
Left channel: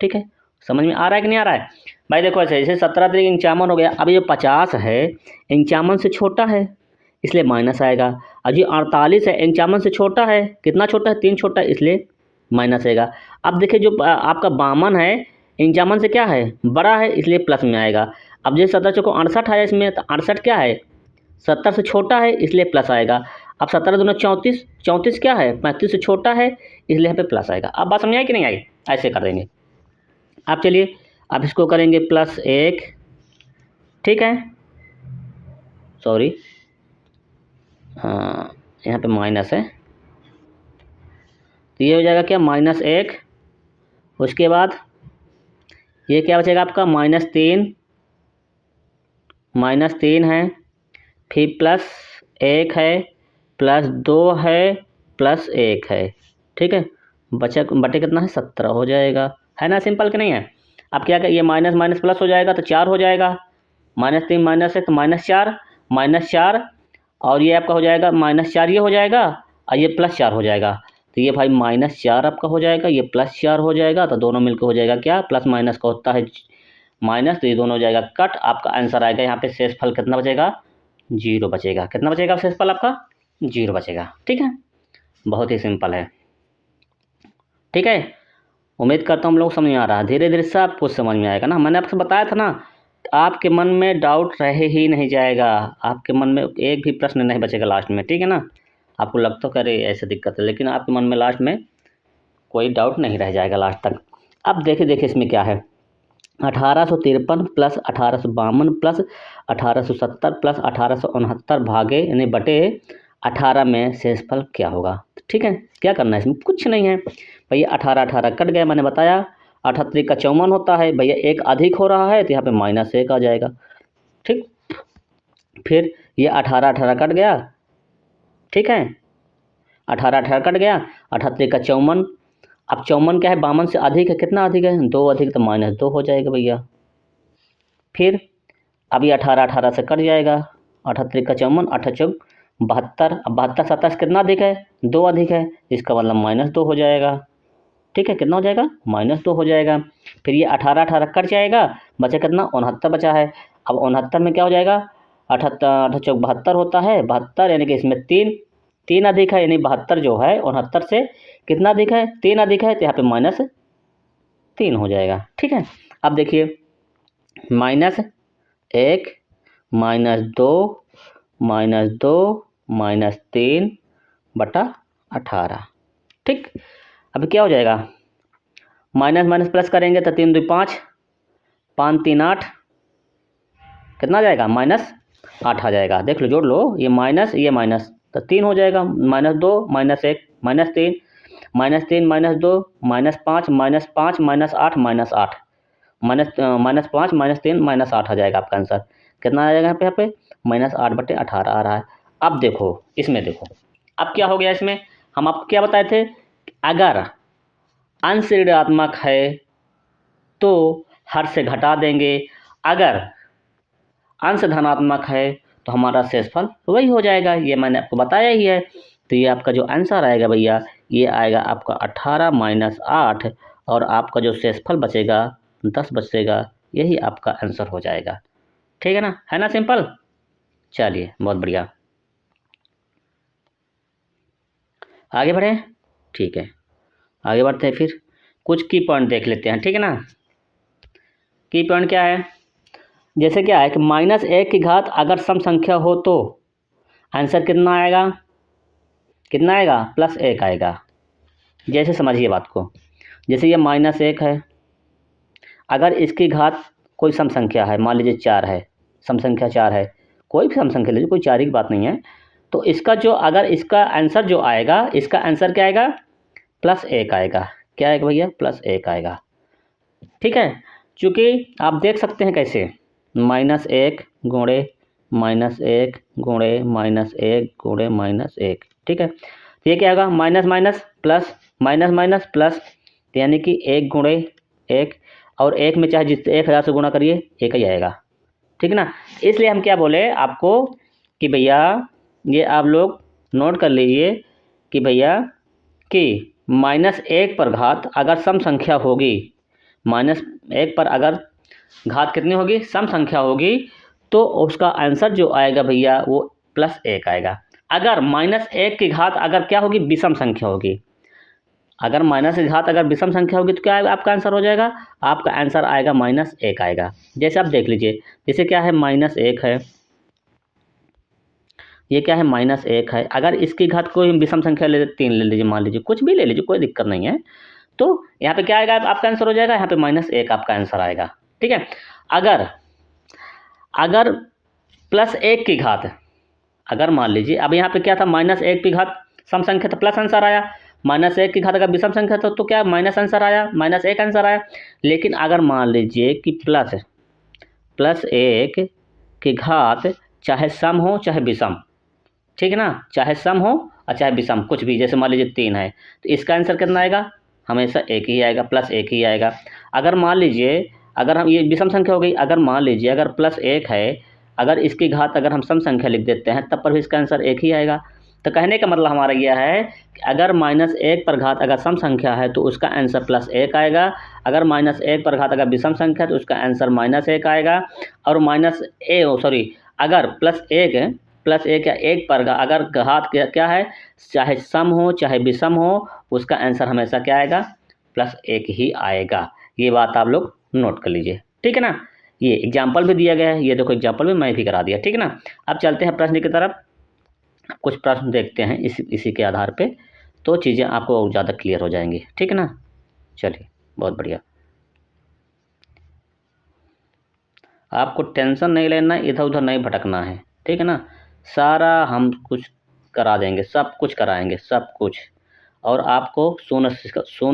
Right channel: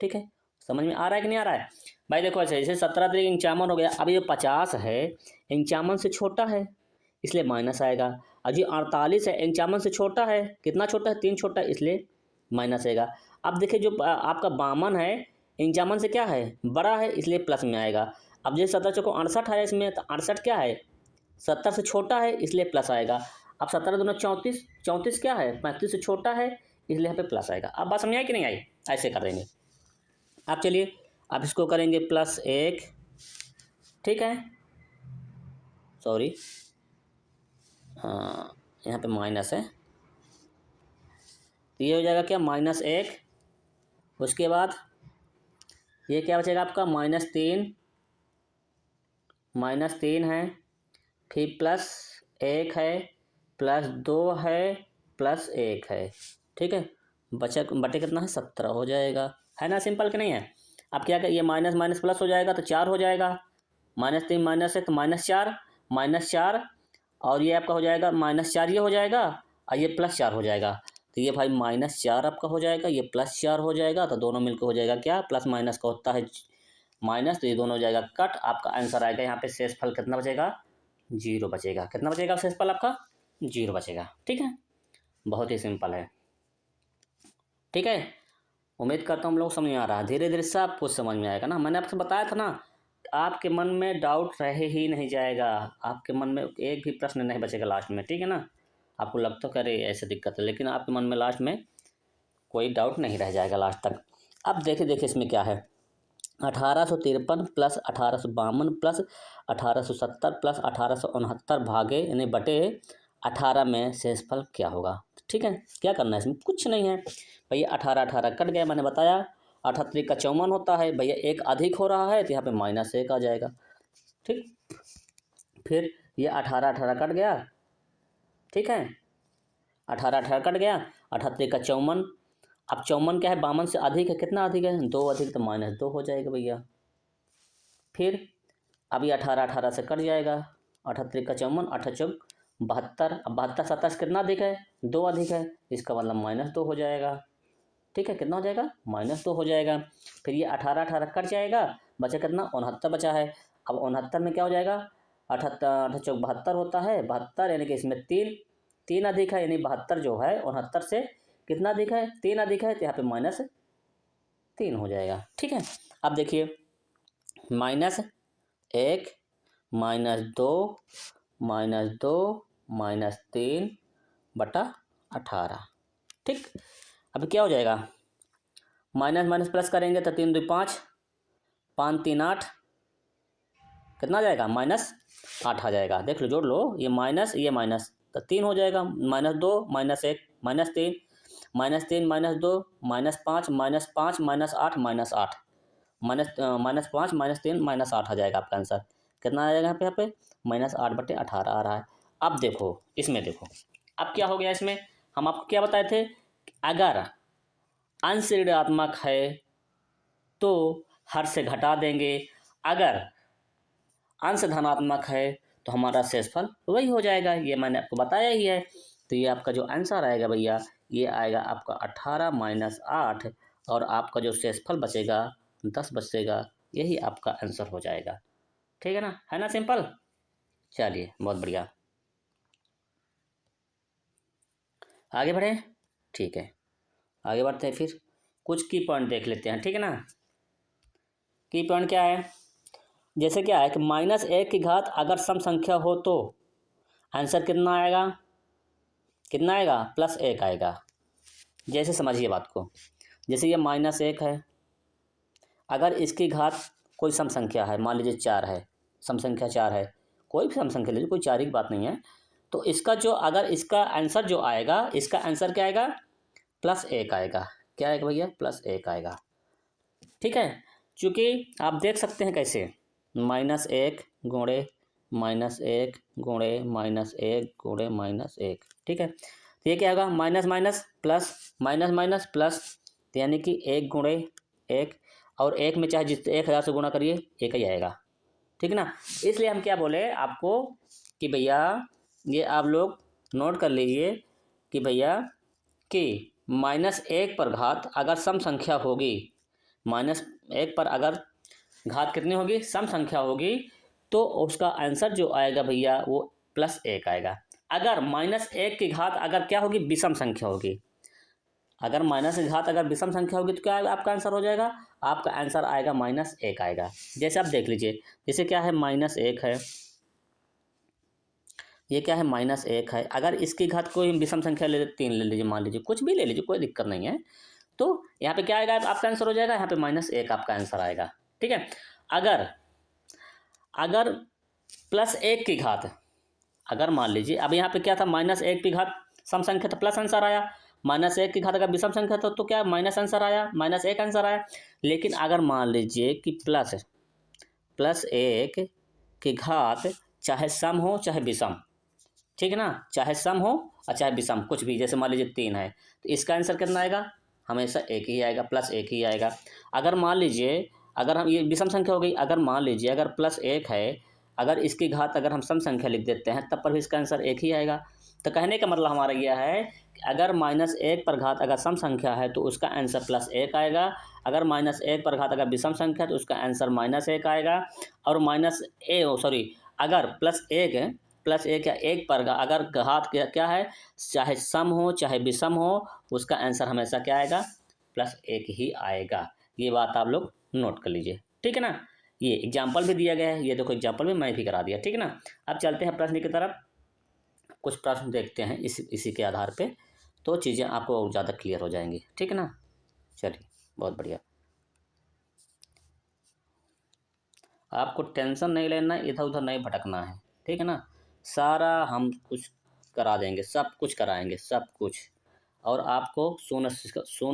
ठीक है। समझ में आ रहा है कि नहीं आ रहा है भाई। देखो ऐसे, जैसे 17 तरीक 51 हो गया। अब ये 50 है 51 से छोटा है, इसलिए माइनस आएगा। और जी 48 है 51 से छोटा है, कितना छोटा है, 3 छोटा है, इसलिए माइनस आएगा। अब देखिए जो आपका 52 है 51 से क्या है, बड़ा है, इसलिए प्लस में आएगा। अब जैसे 17 चौको 68 आया इसमें, तो 68 क्या है, 70 से छोटा है, इसलिए प्लस आएगा। अब 17 दूना 34, 34 क्या है, 35 से छोटा है, इसलिए यहाँ पे प्लस आएगा। अब बात समझ आई कि नहीं आई, ऐसे कर देंगे। अब चलिए अब इसको करेंगे +1। ठीक है, सॉरी, हाँ यहाँ पे माइनस है, तो ये हो जाएगा क्या, -1। उसके बाद ये क्या बचेगा आपका, -3, -3 है, फिर +1 है, +2 है, +1 है। ठीक है। बचा बटे कितना है, 17 हो जाएगा, है ना। सिंपल कि नहीं है। अब क्या ये माइनस माइनस प्लस हो जाएगा, तो 4 हो जाएगा, -3 -1 तो -4, -4, और ये आपका हो जाएगा -4, ये हो जाएगा, और ये +4 हो जाएगा। तो ये भाई -4 आपका हो जाएगा, ये +4 हो जाएगा, तो दोनों मिलकर हो जाएगा क्या, प्लस माइनस का होता है माइनस, तो ये दोनों हो जाएगा कट। आपका आंसर आएगा यहाँ पे शेषफल कितना बचेगा, 0 बचेगा। कितना बचेगा शेषफल आपका, 0 बचेगा। ठीक है, बहुत ही सिंपल है। ठीक है, उम्मीद करता हूँ हम लोग समझ में आ रहा है। धीरे धीरे सब कुछ समझ में आएगा ना। मैंने आपको बताया था ना, आपके मन में डाउट रहे ही नहीं जाएगा, आपके मन में एक भी प्रश्न नहीं बचेगा लास्ट में। ठीक है ना। आपको लगता है अरे ऐसे दिक्कत है, लेकिन आपके मन में लास्ट में कोई डाउट नहीं रह जाएगा लास्ट तक। अब देखिए देखिए इसमें क्या है, 1853 प्लस 1852 प्लस 1870 प्लस 1869 भागे यानी बटे 18 में शेषफल क्या होगा। ठीक है, क्या करना है इसमें, कुछ नहीं है भैया। 18 18 कट गया, मैंने बताया। 38 का 54 होता है भैया, एक अधिक हो रहा है, तो यहाँ पे -1 आ जाएगा। ठीक, फिर ये 18 18 कट गया। ठीक है, 18 18 कट गया, 38 का 54। अब 54 क्या है, 52 से अधिक है, कितना अधिक है, 2 अधिक, तो -2 हो जाएगा भैया। फिर अब ये 18 18 से कट जाएगा, 38 का 54, 8 चौक 72। अब 72 27 कितना अधिक है, 2 अधिक है, इसका मतलब -2 हो जाएगा। ठीक है, कितना हो जाएगा, -2 हो जाएगा। फिर ये 18 18 कट जाएगा, बचा कितना, 69 बचा है। अब 69 में क्या हो जाएगा, 78 8 चौक 72 होता है, 72 यानी कि इसमें 3 अधिक है, यानी 72 जो है 69 से कितना अधिक है, 3 अधिक है, तो यहाँ पे -3 हो जाएगा। ठीक है। अब देखिए -1 -2 -3 बटा 18। ठीक, अब क्या हो जाएगा, माइनस माइनस प्लस करेंगे तो 3 2 5, 5 3 8, कितना आ जाएगा, -8 आ जाएगा। देख लो, जोड़ लो, ये माइनस ये माइनस, तो 3 हो जाएगा, -2 -1 -3 -3 -2 -5 -5 -8 -8 -5 -3 -8 आ जाएगा आपका आंसर। कितना आ जाएगा यहाँ पे -8 बटे 18 आ रहा है। अब देखो इसमें, देखो अब क्या हो गया इसमें, हम आपको क्या बताए थे, अगर अंश ऋणात्मक है तो हर से घटा देंगे, अगर अंश धनात्मक है तो हमारा शेषफल वही हो जाएगा। ये मैंने आपको बताया ही है। तो ये आपका जो आंसर आएगा भैया, ये आएगा आपका 18 -8, और आपका जो शेषफल बचेगा 10 बचेगा, यही आपका आंसर हो जाएगा। ठीक है ना सिंपल। चलिए बहुत बढ़िया, आगे बढ़ें। ठीक है, आगे बढ़ते हैं, फिर कुछ की पॉइंट देख लेते हैं। ठीक है ना। की पॉइंट क्या है, जैसे क्या है कि -1 की घात अगर सम संख्या हो तो आंसर कितना आएगा, कितना आएगा, +1 आएगा। जैसे समझिए बात को, जैसे ये -1 है, अगर इसकी घात कोई सम संख्या है, मान लीजिए 4 है, सम संख्या 4 है, कोई भी सम संख्या लीजिए, कोई 4 ही की बात नहीं है, तो इसका जो अगर इसका आंसर जो आएगा, इसका आंसर क्या आएगा, +1 आएगा। क्या आएगा भैया, +1 आएगा। ठीक है, चूँकि आप देख सकते हैं कैसे, -1 गुणे -1 गुणे -1 गुणे -1, ठीक है। तो ये क्या होगा, minus minus plus, minus minus plus, तो यानी कि 1 गुणे 1, और 1 में चाहे जितने 1000 से गुणा करिए 1 ही आएगा, ठीक है ना। इसलिए हम क्या बोले आपको कि भैया ये आप लोग नोट कर लीजिए कि भैया कि -1 पर घात अगर सम संख्या होगी, -1 पर अगर घात कितनी होगी, सम संख्या होगी, तो उसका आंसर जो आएगा भैया वो +1 आएगा। अगर -1 की घात अगर क्या होगी, विषम संख्या होगी, अगर माइनस की घात अगर विषम संख्या होगी तो क्या आएगा आपका आंसर हो जाएगा, आपका आंसर आएगा -1 आएगा। जैसे आप देख लीजिए, जैसे क्या है, -1 है, ये क्या है, -1 है, अगर इसकी घात कोई विषम संख्या ले 3 ले लीजिए, मान लीजिए कुछ भी ले लीजिए, कोई दिक्कत नहीं है, तो यहाँ पे क्या आएगा आपका आंसर हो जाएगा, यहाँ पे -1 आपका आंसर आएगा। ठीक है, अगर अगर +1 की घात, अगर मान लीजिए अब यहाँ पे क्या था, -1 की घात सम संख्या तो प्लस आंसर आया, -1 की घात अगर विषम संख्या तो क्या माइनस आंसर आया, -1 आंसर आया। लेकिन अगर मान लीजिए कि +1 की घात चाहे सम हो चाहे विषम, ठीक है ना, चाहे सम हो और चाहे विषम, कुछ भी, जैसे मान लीजिए 3 है, तो इसका आंसर कितना आएगा, हमेशा 1 ही आएगा, +1 ही आएगा। अगर मान लीजिए, अगर हम ये विषम संख्या हो गई, अगर मान लीजिए अगर +1 है, अगर इसकी घात अगर हम सम संख्या लिख देते हैं तब पर भी इसका आंसर 1 ही आएगा। तो कहने का मतलब हमारा यह है कि अगर -1 पर घात अगर सम संख्या है तो उसका आंसर +1 आएगा, अगर -1 पर घात अगर विषम संख्या है तो उसका आंसर -1 आएगा, और अगर +1 या 1 पर अगर घात क्या है, चाहे सम हो चाहे विषम हो, उसका आंसर हमेशा क्या आएगा, +1 ही आएगा। ये बात आप लोग नोट कर लीजिए, ठीक है ना। ये एग्जाम्पल भी दिया गया है, ये देखो एग्जाम्पल भी मैं भी करा दिया, ठीक है ना। अब चलते हैं प्रश्न की तरफ, कुछ प्रश्न देखते हैं इसी के आधार पे, तो चीज़ें आपको और ज़्यादा क्लियर हो जाएंगी, ठीक है ना। चलिए, बहुत बढ़िया, आपको टेंशन नहीं लेना, इधर उधर नहीं भटकना है, ठीक है ना। सारा हम कुछ करा देंगे, सब कुछ कराएंगे, सब कुछ, और आपको शून्य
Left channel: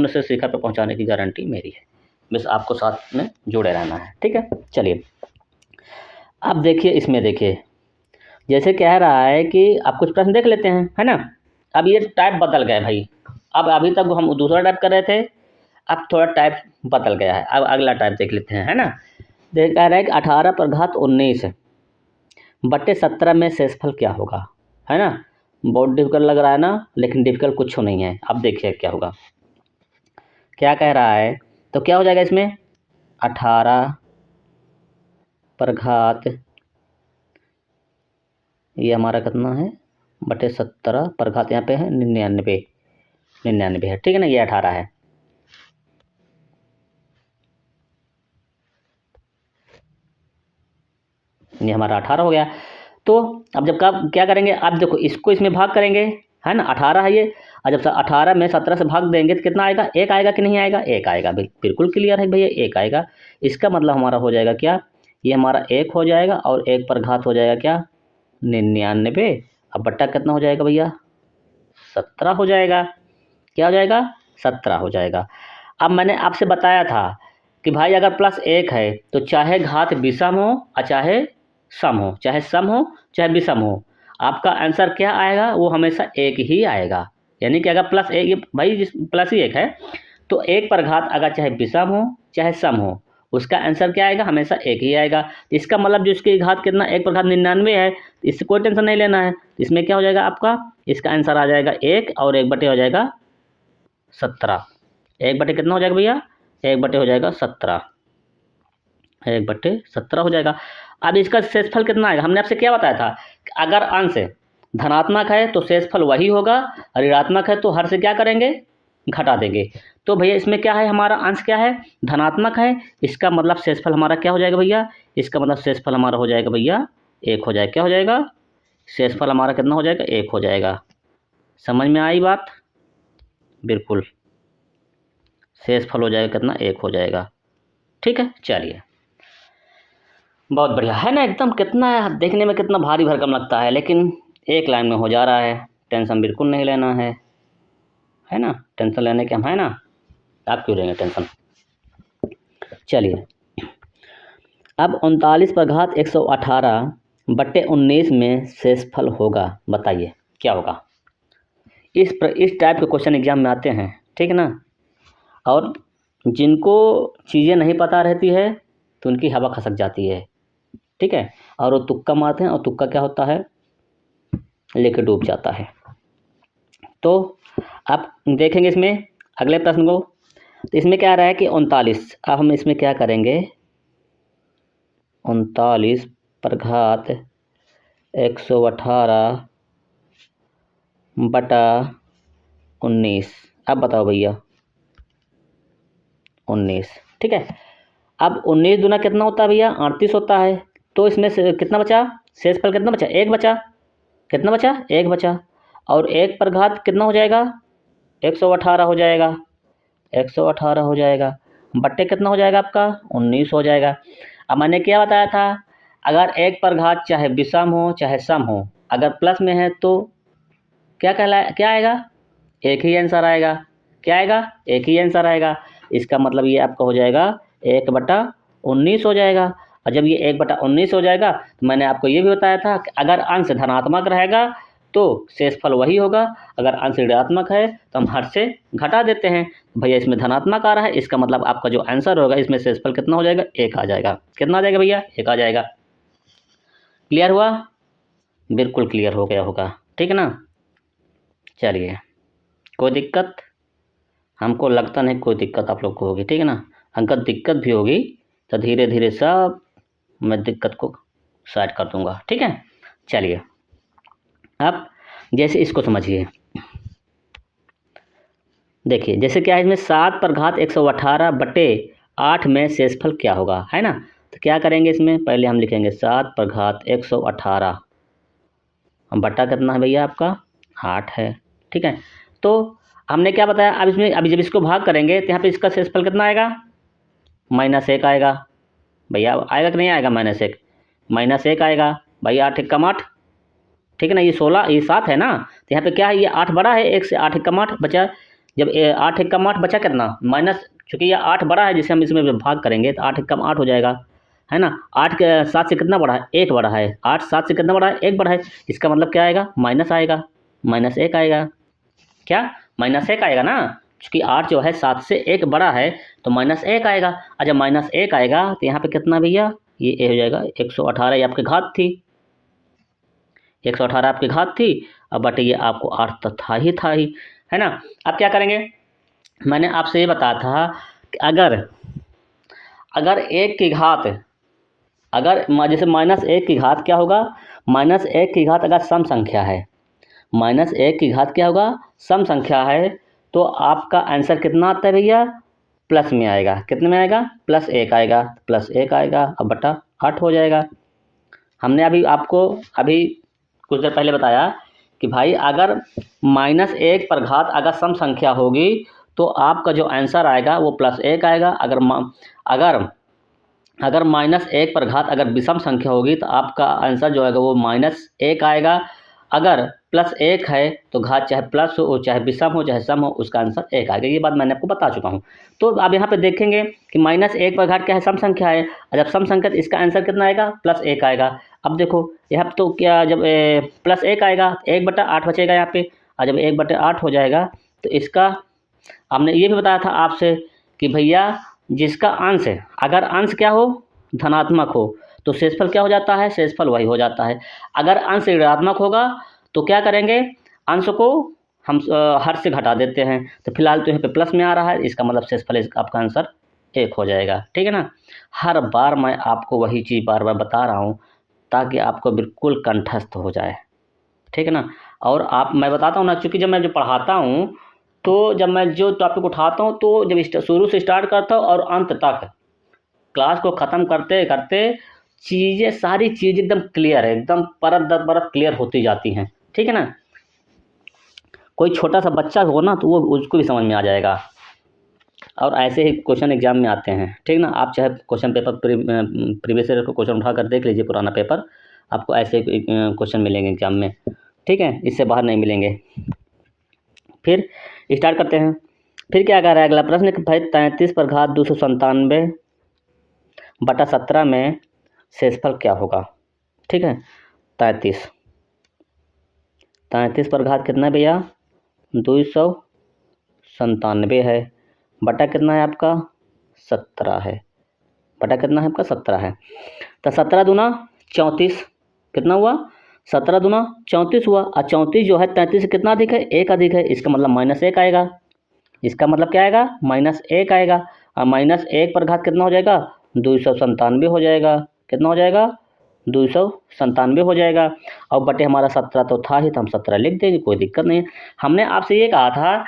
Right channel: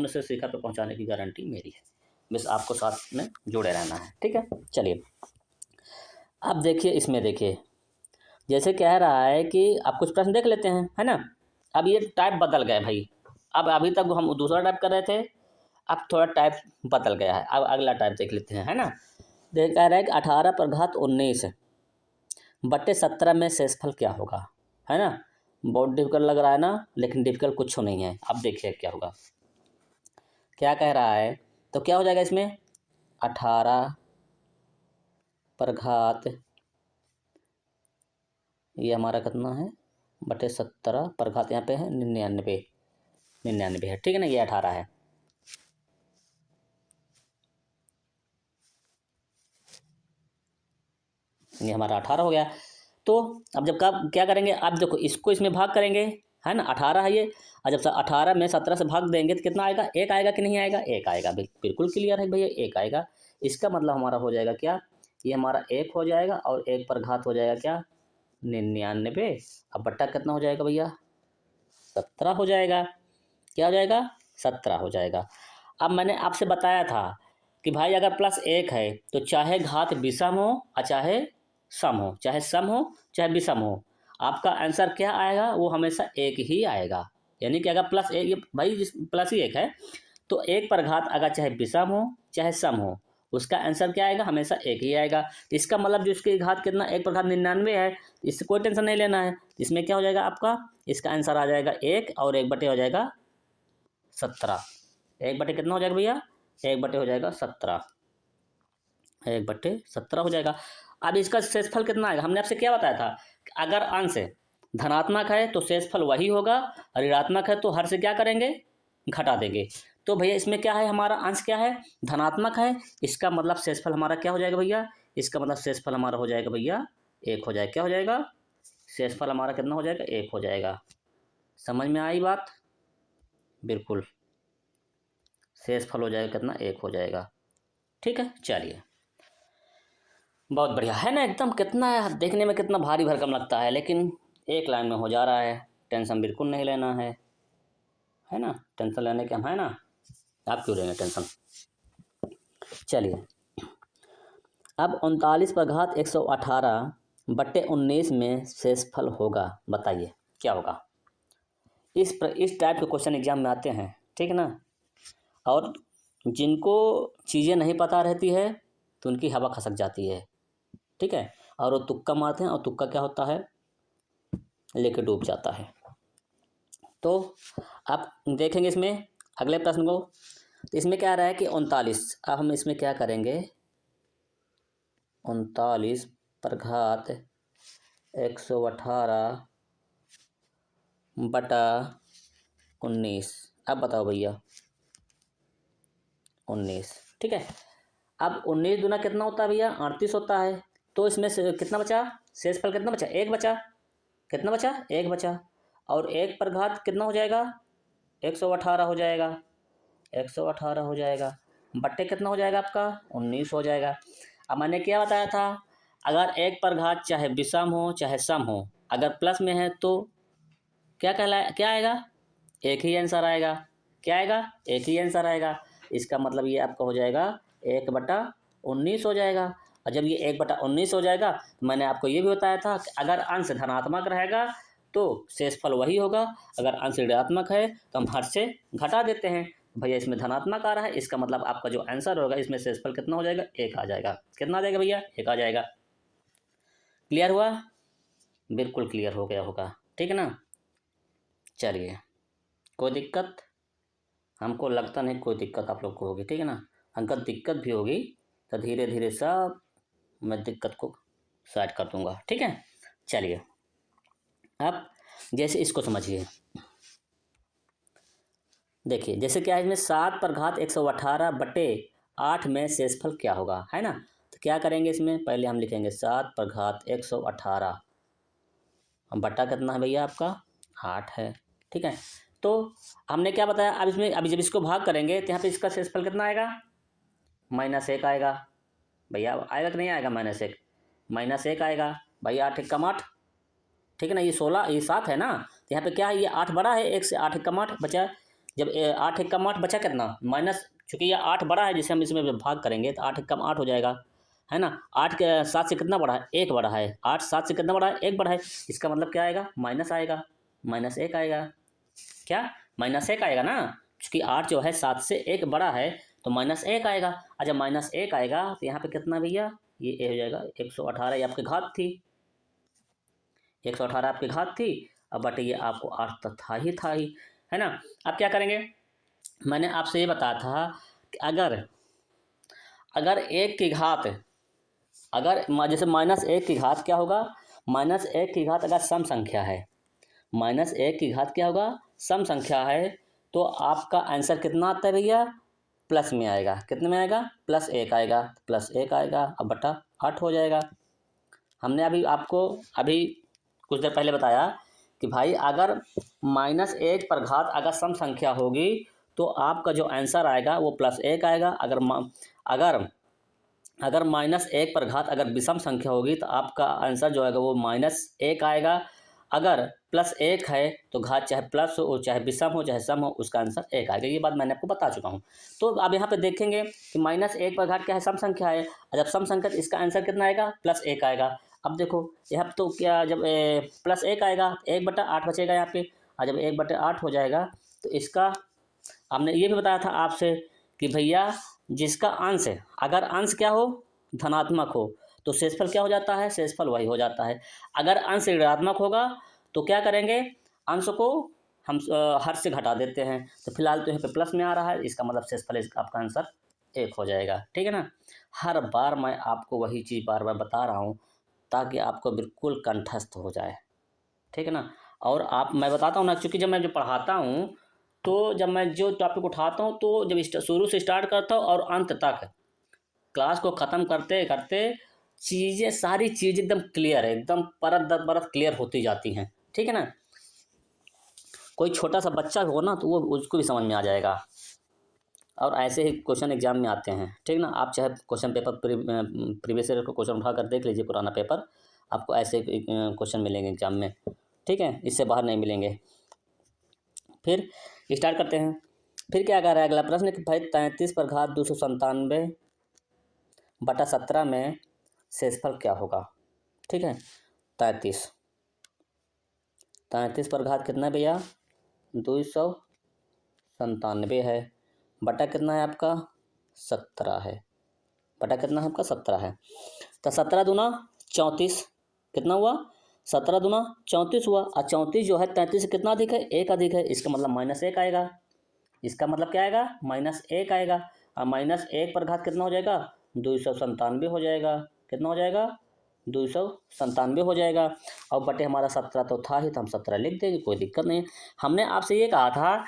से शिखर पर पहुंचाने की गारंटी मेरी है, बस आपको साथ में जुड़े रहना है, ठीक है। चलिए, अब देखिए, इसमें देखिए, जैसे कह रहा है कि आप कुछ प्रश्न देख लेते हैं, है ना। अब ये टाइप बदल गया भाई, अब अभी तक हम दूसरा टाइप कर रहे थे, अब थोड़ा टाइप बदल गया है, अब अगला टाइप देख लेते हैं, है ना। देख कह रहा है कि 18 पर घात 19 बटे 17 में शेषफल क्या होगा, है ना। बहुत डिफिकल्ट लग रहा है ना, लेकिन डिफिकल्ट कुछ नहीं है। अब देखिए क्या होगा, क्या कह रहा है, तो क्या हो जाएगा इसमें, 18 पर घात, ये हमारा कितना है, बटे 17 पर घात यहाँ पे है 99 है, ठीक है ना, ये 18 है। ये हमारा 18 हो गया। तो अब जब क्या करेंगे, आप देखो इसको इसमें भाग करेंगे, है ना, 18 है ये, और जब 18 में 17 से भाग देंगे तो कितना आएगा, 1 आएगा कि नहीं आएगा, 1 आएगा, बिल्कुल क्लियर है भैया, 1 आएगा। इसका मतलब हमारा हो जाएगा क्या, ये हमारा 1 हो जाएगा, और 1 पर घात हो जाएगा क्या, 99, अब बट्टा कितना हो जाएगा भैया, 17 हो जाएगा। क्या हो जाएगा, 17 हो जाएगा। अब मैंने आपसे बताया था कि भाई अगर +1 है तो चाहे घात विषम हो और चाहे सम हो, चाहे विषम हो, आपका आंसर क्या आएगा, वो हमेशा 1 ही आएगा। यानी कि अगर +1 भाई +1 है तो 1 पर घात अगर चाहे विषम हो चाहे सम हो, उसका आंसर क्या आएगा, हमेशा 1 ही आएगा। इसका मतलब जो इसकी घात कितना, 1 पर घात 99 है, इससे कोई टेंशन नहीं लेना है। इसमें क्या हो जाएगा आपका, इसका आंसर आ जाएगा 1, और 1 बटे हो जाएगा 17। 1 बटे कितना हो जाएगा भैया, 1 बटे हो जाएगा 17, 1 बटे 17 हो जाएगा। अब इसका शेषफल कितना आएगा, हमने आपसे क्या बताया था कि अगर अंश धनात्मक है तो शेषफल वही होगा, और ऋणात्मक है तो हर से क्या करेंगे, घटा देंगे। तो भैया इसमें क्या है, हमारा अंश क्या है, धनात्मक है, इसका मतलब शेषफल हमारा क्या हो जाएगा भैया, इसका मतलब शेषफल हमारा हो जाएगा भैया 1 हो जाएगा। क्या हो जाएगा, शेषफल हमारा कितना हो जाएगा, 1 हो जाएगा। समझ में आई बात? बिल्कुल, शेषफल हो जाएगा कितना, 1 हो जाएगा। ठीक है, चलिए, बहुत बढ़िया है ना एकदम। कितना देखने में कितना भारी भरकम लगता है, लेकिन एक लाइन में हो जा रहा है। टेंशन बिल्कुल नहीं लेना है ना। टेंशन लेने के हम है ना, आप क्यों लेंगे टेंशन। चलिए, अब 39 पर घात 118/19 में शेषफल होगा, बताइए क्या होगा। इस टाइप के क्वेश्चन एग्जाम में आते हैं, ठीक है ना। और जिनको चीज़ें नहीं पता रहती है तो उनकी हवा खसक जाती है, ठीक है। और वो तुक्का मारते हैं, और तुक्का क्या होता है, लेके डूब जाता है। तो आप देखेंगे इसमें अगले प्रश्न को, तो इसमें क्या आ रहा है कि 39। अब हम इसमें क्या करेंगे, 39 पर घात 118/19। अब बताओ भैया, 19, ठीक है। अब 19 दूना कितना होता है भैया, 38 होता है। तो इसमें से कितना बचा, शेषफल कितना बचा, 1 बचा। कितना बचा, 1 बचा। और 1 पर घात कितना हो जाएगा, 118 हो जाएगा। 118 हो जाएगा, बट्टे कितना हो जाएगा आपका, 19 हो जाएगा। अब मैंने क्या बताया था, अगर 1 पर घात चाहे विषम हो चाहे सम हो, अगर प्लस में है तो क्या आएगा, एक ही आंसर आएगा। क्या आएगा, एक ही आंसर आएगा। इसका मतलब ये आपका हो जाएगा 1/19 हो जाएगा। और जब ये 1/19 हो जाएगा, तो मैंने आपको ये भी बताया था कि अगर अंश धनात्मक रहेगा तो शेषफल वही होगा, अगर अंश ऋणात्मक है तो हम हर से घटा देते हैं। भैया इसमें धनात्मक आ रहा है, इसका मतलब आपका जो आंसर होगा इसमें शेषफल कितना हो जाएगा, 1 आ जाएगा। कितना आ जाएगा भैया, 1 आ जाएगा। क्लियर हुआ, बिल्कुल क्लियर हो गया होगा, ठीक है ना। चलिए, कोई दिक्कत, हमको लगता नहीं कोई दिक्कत आप लोग को होगी, ठीक है ना। अगर दिक्कत भी होगी तो धीरे धीरे सब मैं दिक्कत को साइड कर दूंगा, ठीक है। चलिए, अब जैसे इसको समझिए, देखिए जैसे क्या है इसमें 7 पर घात 118/8 में शेषफल क्या होगा, है ना। तो क्या करेंगे, इसमें पहले हम लिखेंगे 7 पर घात 118, बट्टा कितना है भैया आपका, 8 है, ठीक है। तो हमने क्या बताया, अब इसमें अभी जब इसको भाग करेंगे तो यहाँ पे इसका शेषफल कितना आएगा, -1 आएगा। भैया आएगा कि नहीं आएगा, -1 आएगा। भैया 8 एकम 8, ठीक है ना। ये 16, ये 7 है ना, तो यहाँ पे क्या है, ये 8 बड़ा है, 1 से 8 एकम 8 बचा। जब 8 एकम 8 बचा कितना, माइनस, चूँकि ये 8 बड़ा है जिसे हम इसमें जब भाग करेंगे तो 8 एकम 8 हो जाएगा, है ना। 8 के 7 से कितना बड़ा है, 1 बड़ा है। 8 7 से कितना बड़ा है, 1 बड़ा है। इसका मतलब क्या आएगा, माइनस आएगा, -1 आएगा। क्या, -1 आएगा ना, चूँकि 8 जो है 7 से 1 बड़ा है तो -1 आएगा। और जब -1 आएगा तो यहाँ पे कितना भैया, ये हो जाएगा 118, ये आपकी घात थी, 118 आपकी घात थी। अब बट ये आपको 8 तो था ही, है ना। अब क्या करेंगे, मैंने आपसे ये बताया था कि अगर 1 की घात, अगर जैसे -1 की घात क्या होगा, -1 की घात अगर सम संख्या है, -1 की घात क्या होगा, सम संख्या है, तो आपका आंसर कितना आता है भैया, प्लस में आएगा। कितने में आएगा, +1 आएगा। +1 आएगा अब बटा 8 हो जाएगा। हमने अभी आपको कुछ देर पहले बताया कि भाई अगर -1 पर घात अगर सम संख्या होगी तो आपका जो आंसर आएगा वो +1 आएगा। अगर अगर -1 पर घात अगर विषम संख्या होगी तो आपका आंसर जो आएगा वो -1 आएगा। अगर +1 है तो घात चाहे प्लस हो चाहे विषम हो चाहे सम हो, उसका आंसर 1 आएगा। ये बात मैंने आपको बता चुका हूँ। तो अब यहाँ पे देखेंगे कि -1 पर घात क्या है, सम संख्या है। और जब सम संख्या, इसका आंसर कितना आएगा, +1 आएगा। अब देखो यहाँ तो क्या, जब +1 आएगा 1/8 बचेगा यहाँ पे। और जब 1/8 हो जाएगा तो इसका, हमने ये भी बताया था आपसे कि भैया जिसका अंश है, अगर अंश क्या हो, धनात्मक हो, तो शेषफल क्या हो जाता है, शेषफल वही हो जाता है। अगर अंश ऋणात्मक होगा तो क्या करेंगे, अंश को हम हर से घटा देते हैं। तो फिलहाल तो यहाँ पे प्लस में आ रहा है, इसका मतलब शेषफल आपका आंसर 1 हो जाएगा, ठीक है ना। हर बार मैं आपको वही चीज़ बार बार बता रहा हूँ ताकि आपको बिल्कुल कंठस्थ हो जाए, ठीक है ना। और मैं बताता हूँ ना, चूँकि जब मैं जो पढ़ाता हूँ तो जब मैं जो टॉपिक उठाता हूँ तो जब शुरू से स्टार्ट करता हूँ और अंत तक, क्लास को ख़त्म करते करते सारी चीज़ एकदम क्लियर है, एकदम परत दर परत क्लियर होती जाती हैं, ठीक है ना। कोई छोटा सा बच्चा हो ना तो वो उसको भी समझ में आ जाएगा। और ऐसे ही क्वेश्चन एग्जाम में आते हैं, ठीक ना। आप चाहे क्वेश्चन पेपर प्रीवियस ईयर का क्वेश्चन उठा कर देख लीजिए, पुराना पेपर, आपको ऐसे क्वेश्चन मिलेंगे एग्जाम में, ठीक है, इससे बाहर नहीं मिलेंगे। फिर स्टार्ट करते हैं। फिर क्या कह रहा है अगला प्रश्न कि भाई 33 पर घात 297/17 में शेषफल क्या होगा, ठीक है। 33 पर घात कितना है भैया, 297 है, बटा कितना है आपका 17 है, बटा कितना है आपका 17 है। तो 17 दूना 34, कितना हुआ 17 दूना 34 हुआ। और 34 जो है 33 से कितना अधिक है, 1 अधिक है, इसका मतलब -1 आएगा। इसका मतलब क्या आएगा, -1 आएगा। और -1 पर घात कितना हो जाएगा, 297 हो जाएगा। कितना हो जाएगा, 297 हो जाएगा। और बटे हमारा 17 तो था ही, तो हम 17 लिख देंगे, कोई दिक्कत नहीं है। हमने आपसे ये कहा था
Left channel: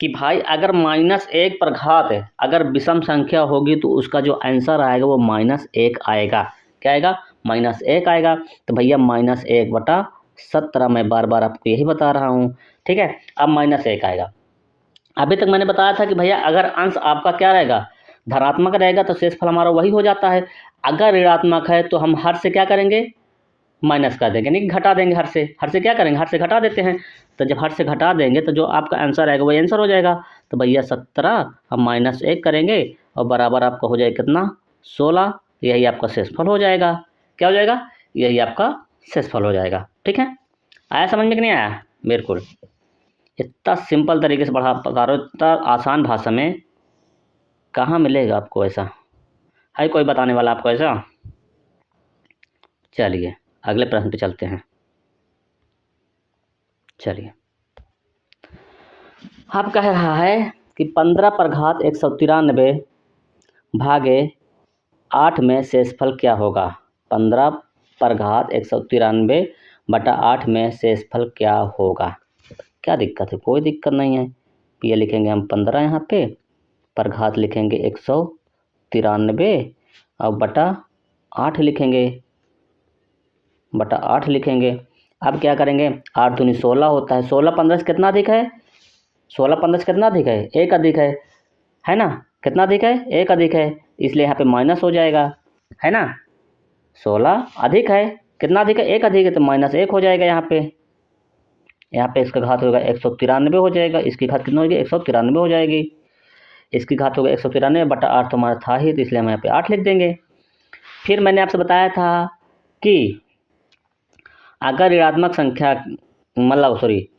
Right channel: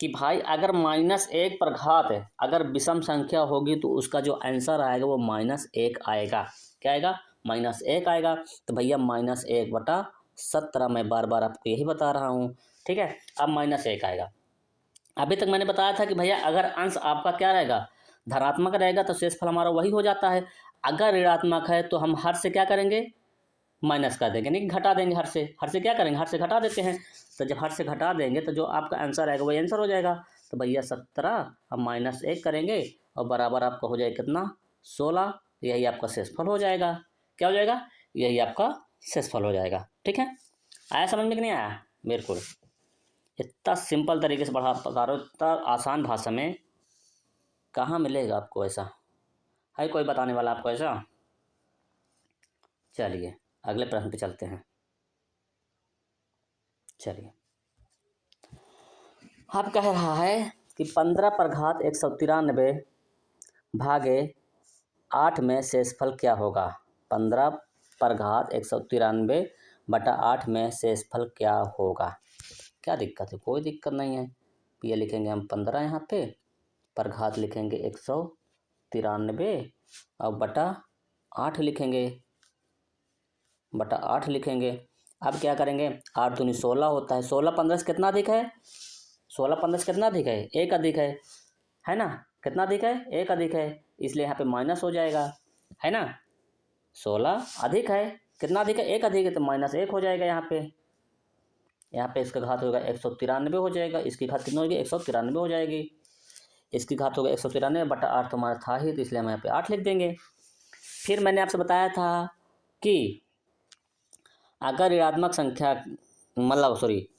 कि भाई अगर -1 पर घात है, अगर विषम संख्या होगी तो उसका जो आंसर आएगा वो -1 आएगा। क्या आएगा, -1 आएगा। तो भैया -1/17, मैं बार बार आपको यही बता रहा हूँ, ठीक है। अब -1 आएगा। अभी तक मैंने बताया था कि भैया अगर अंश आपका क्या रहेगा, धनात्मक रहेगा तो शेषफल हमारा वही हो जाता है। अगर ऋणात्मक है तो हम हर से क्या करेंगे, माइनस कर देंगे, नहीं घटा देंगे। हर से क्या करेंगे, हर से घटा देते हैं। तो जब हर से घटा देंगे तो जो आपका आंसर आएगा वही आंसर हो जाएगा। तो भैया 17 हम -1 करेंगे और बराबर आपका हो जाएगा कितना, 16। यही आपका शेषफल हो जाएगा। क्या हो जाएगा, यही आपका शेषफल हो जाएगा, ठीक है। आया समझ में कि नहीं आया, बिल्कुल। इतना सिंपल तरीके से बता रहा हूँ, इतना आसान भाषा में कहाँ मिलेगा आपको ऐसा, है कोई बताने वाला आपको ऐसा। चलिए अगले प्रश्न पे चलते हैं। चलिए, अब कह रहा है कि 15 पर घात 193 भागे 8 में शेषफल क्या होगा। 15 पर घात 193/8 में शेषफल क्या होगा। क्या दिक्कत है, कोई दिक्कत नहीं है। ये लिखेंगे हम 15 यहाँ पे, पर घात लिखेंगे 193 और बटा 8 लिखेंगे, बटा 8 लिखेंगे। अब क्या करेंगे, 8 दूनी 16 होता है, 16 15 से कितना अधिक है, 16 15 से कितना अधिक है, 1 अधिक है ना। कितना अधिक है, 1 अधिक है, इसलिए यहाँ पे माइनस हो जाएगा, है ना। 16 अधिक है, कितना अधिक है, 1 अधिक है, तो -1 हो जाएगा। यहाँ पे इसका घात होगा 193 हो जाएगा, इसकी घात कितना होगी, 193 हो जाएगी। इसकी घात होगा 193/8, तो हमारा था ही, तो इसलिए हम यहाँ पे 8 लिख देंगे। फिर मैंने आपसे बताया था कि अगर ऋणात्मक संख्या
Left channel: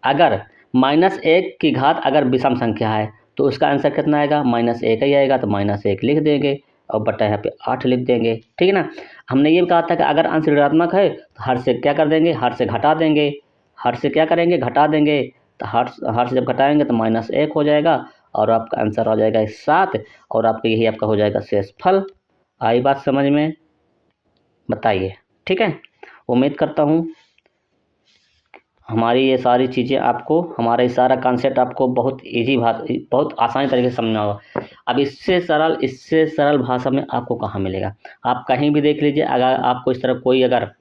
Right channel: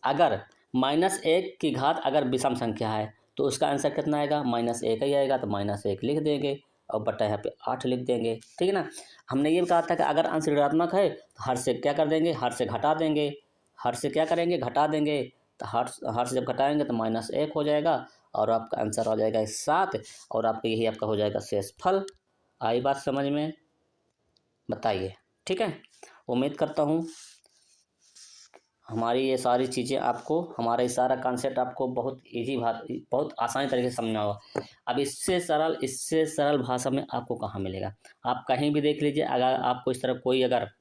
अगर -1 की घात अगर विषम संख्या है तो उसका आंसर कितना आएगा, -1 ही आएगा। तो -1 लिख देंगे और बटा यहाँ पे 8 लिख देंगे, ठीक है ना। हमने ये कहा था कि अगर अंश ऋणात्मक है तो हर से क्या कर देंगे, हर से घटा देंगे। हर से क्या करेंगे, घटा देंगे। तो हर से जब घटाएंगे तो -1 हो जाएगा और आपका आंसर आ जाएगा 7, और आपका यही आपका हो जाएगा शेषफल। आई बात समझ में, बताइए, ठीक है। उम्मीद करता हूँ हमारी ये सारी चीज़ें आपको, हमारा ये सारा कॉन्सेप्ट आपको बहुत बहुत आसानी तरीके से समझना होगा। अब इससे सरल भाषा में आपको कहाँ मिलेगा। आप कहीं भी देख लीजिए, अगर आपको इस तरह कोई अगर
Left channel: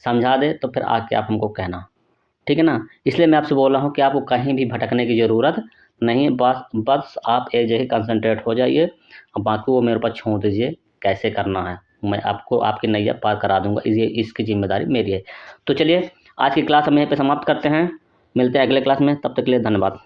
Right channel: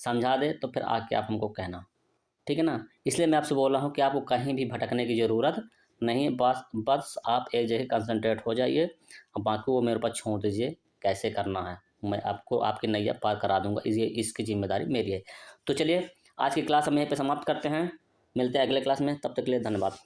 समझा दे तो फिर आके आप हमको कहना, ठीक है ना। इसलिए मैं आपसे बोल रहा हूँ कि आपको कहीं भी भटकने की ज़रूरत नहीं है। बस आप एक जगह कंसंट्रेट हो जाइए और बाकी वो मेरे ऊपर छोड़ दीजिए कैसे करना है। मैं आपको आपकी नैया पार करा दूंगा, इसकी जिम्मेदारी मेरी है। तो चलिए आज की क्लास हम यहीं पे समाप्त करते हैं, मिलते हैं अगले क्लास में, तब तक के लिए धन्यवाद।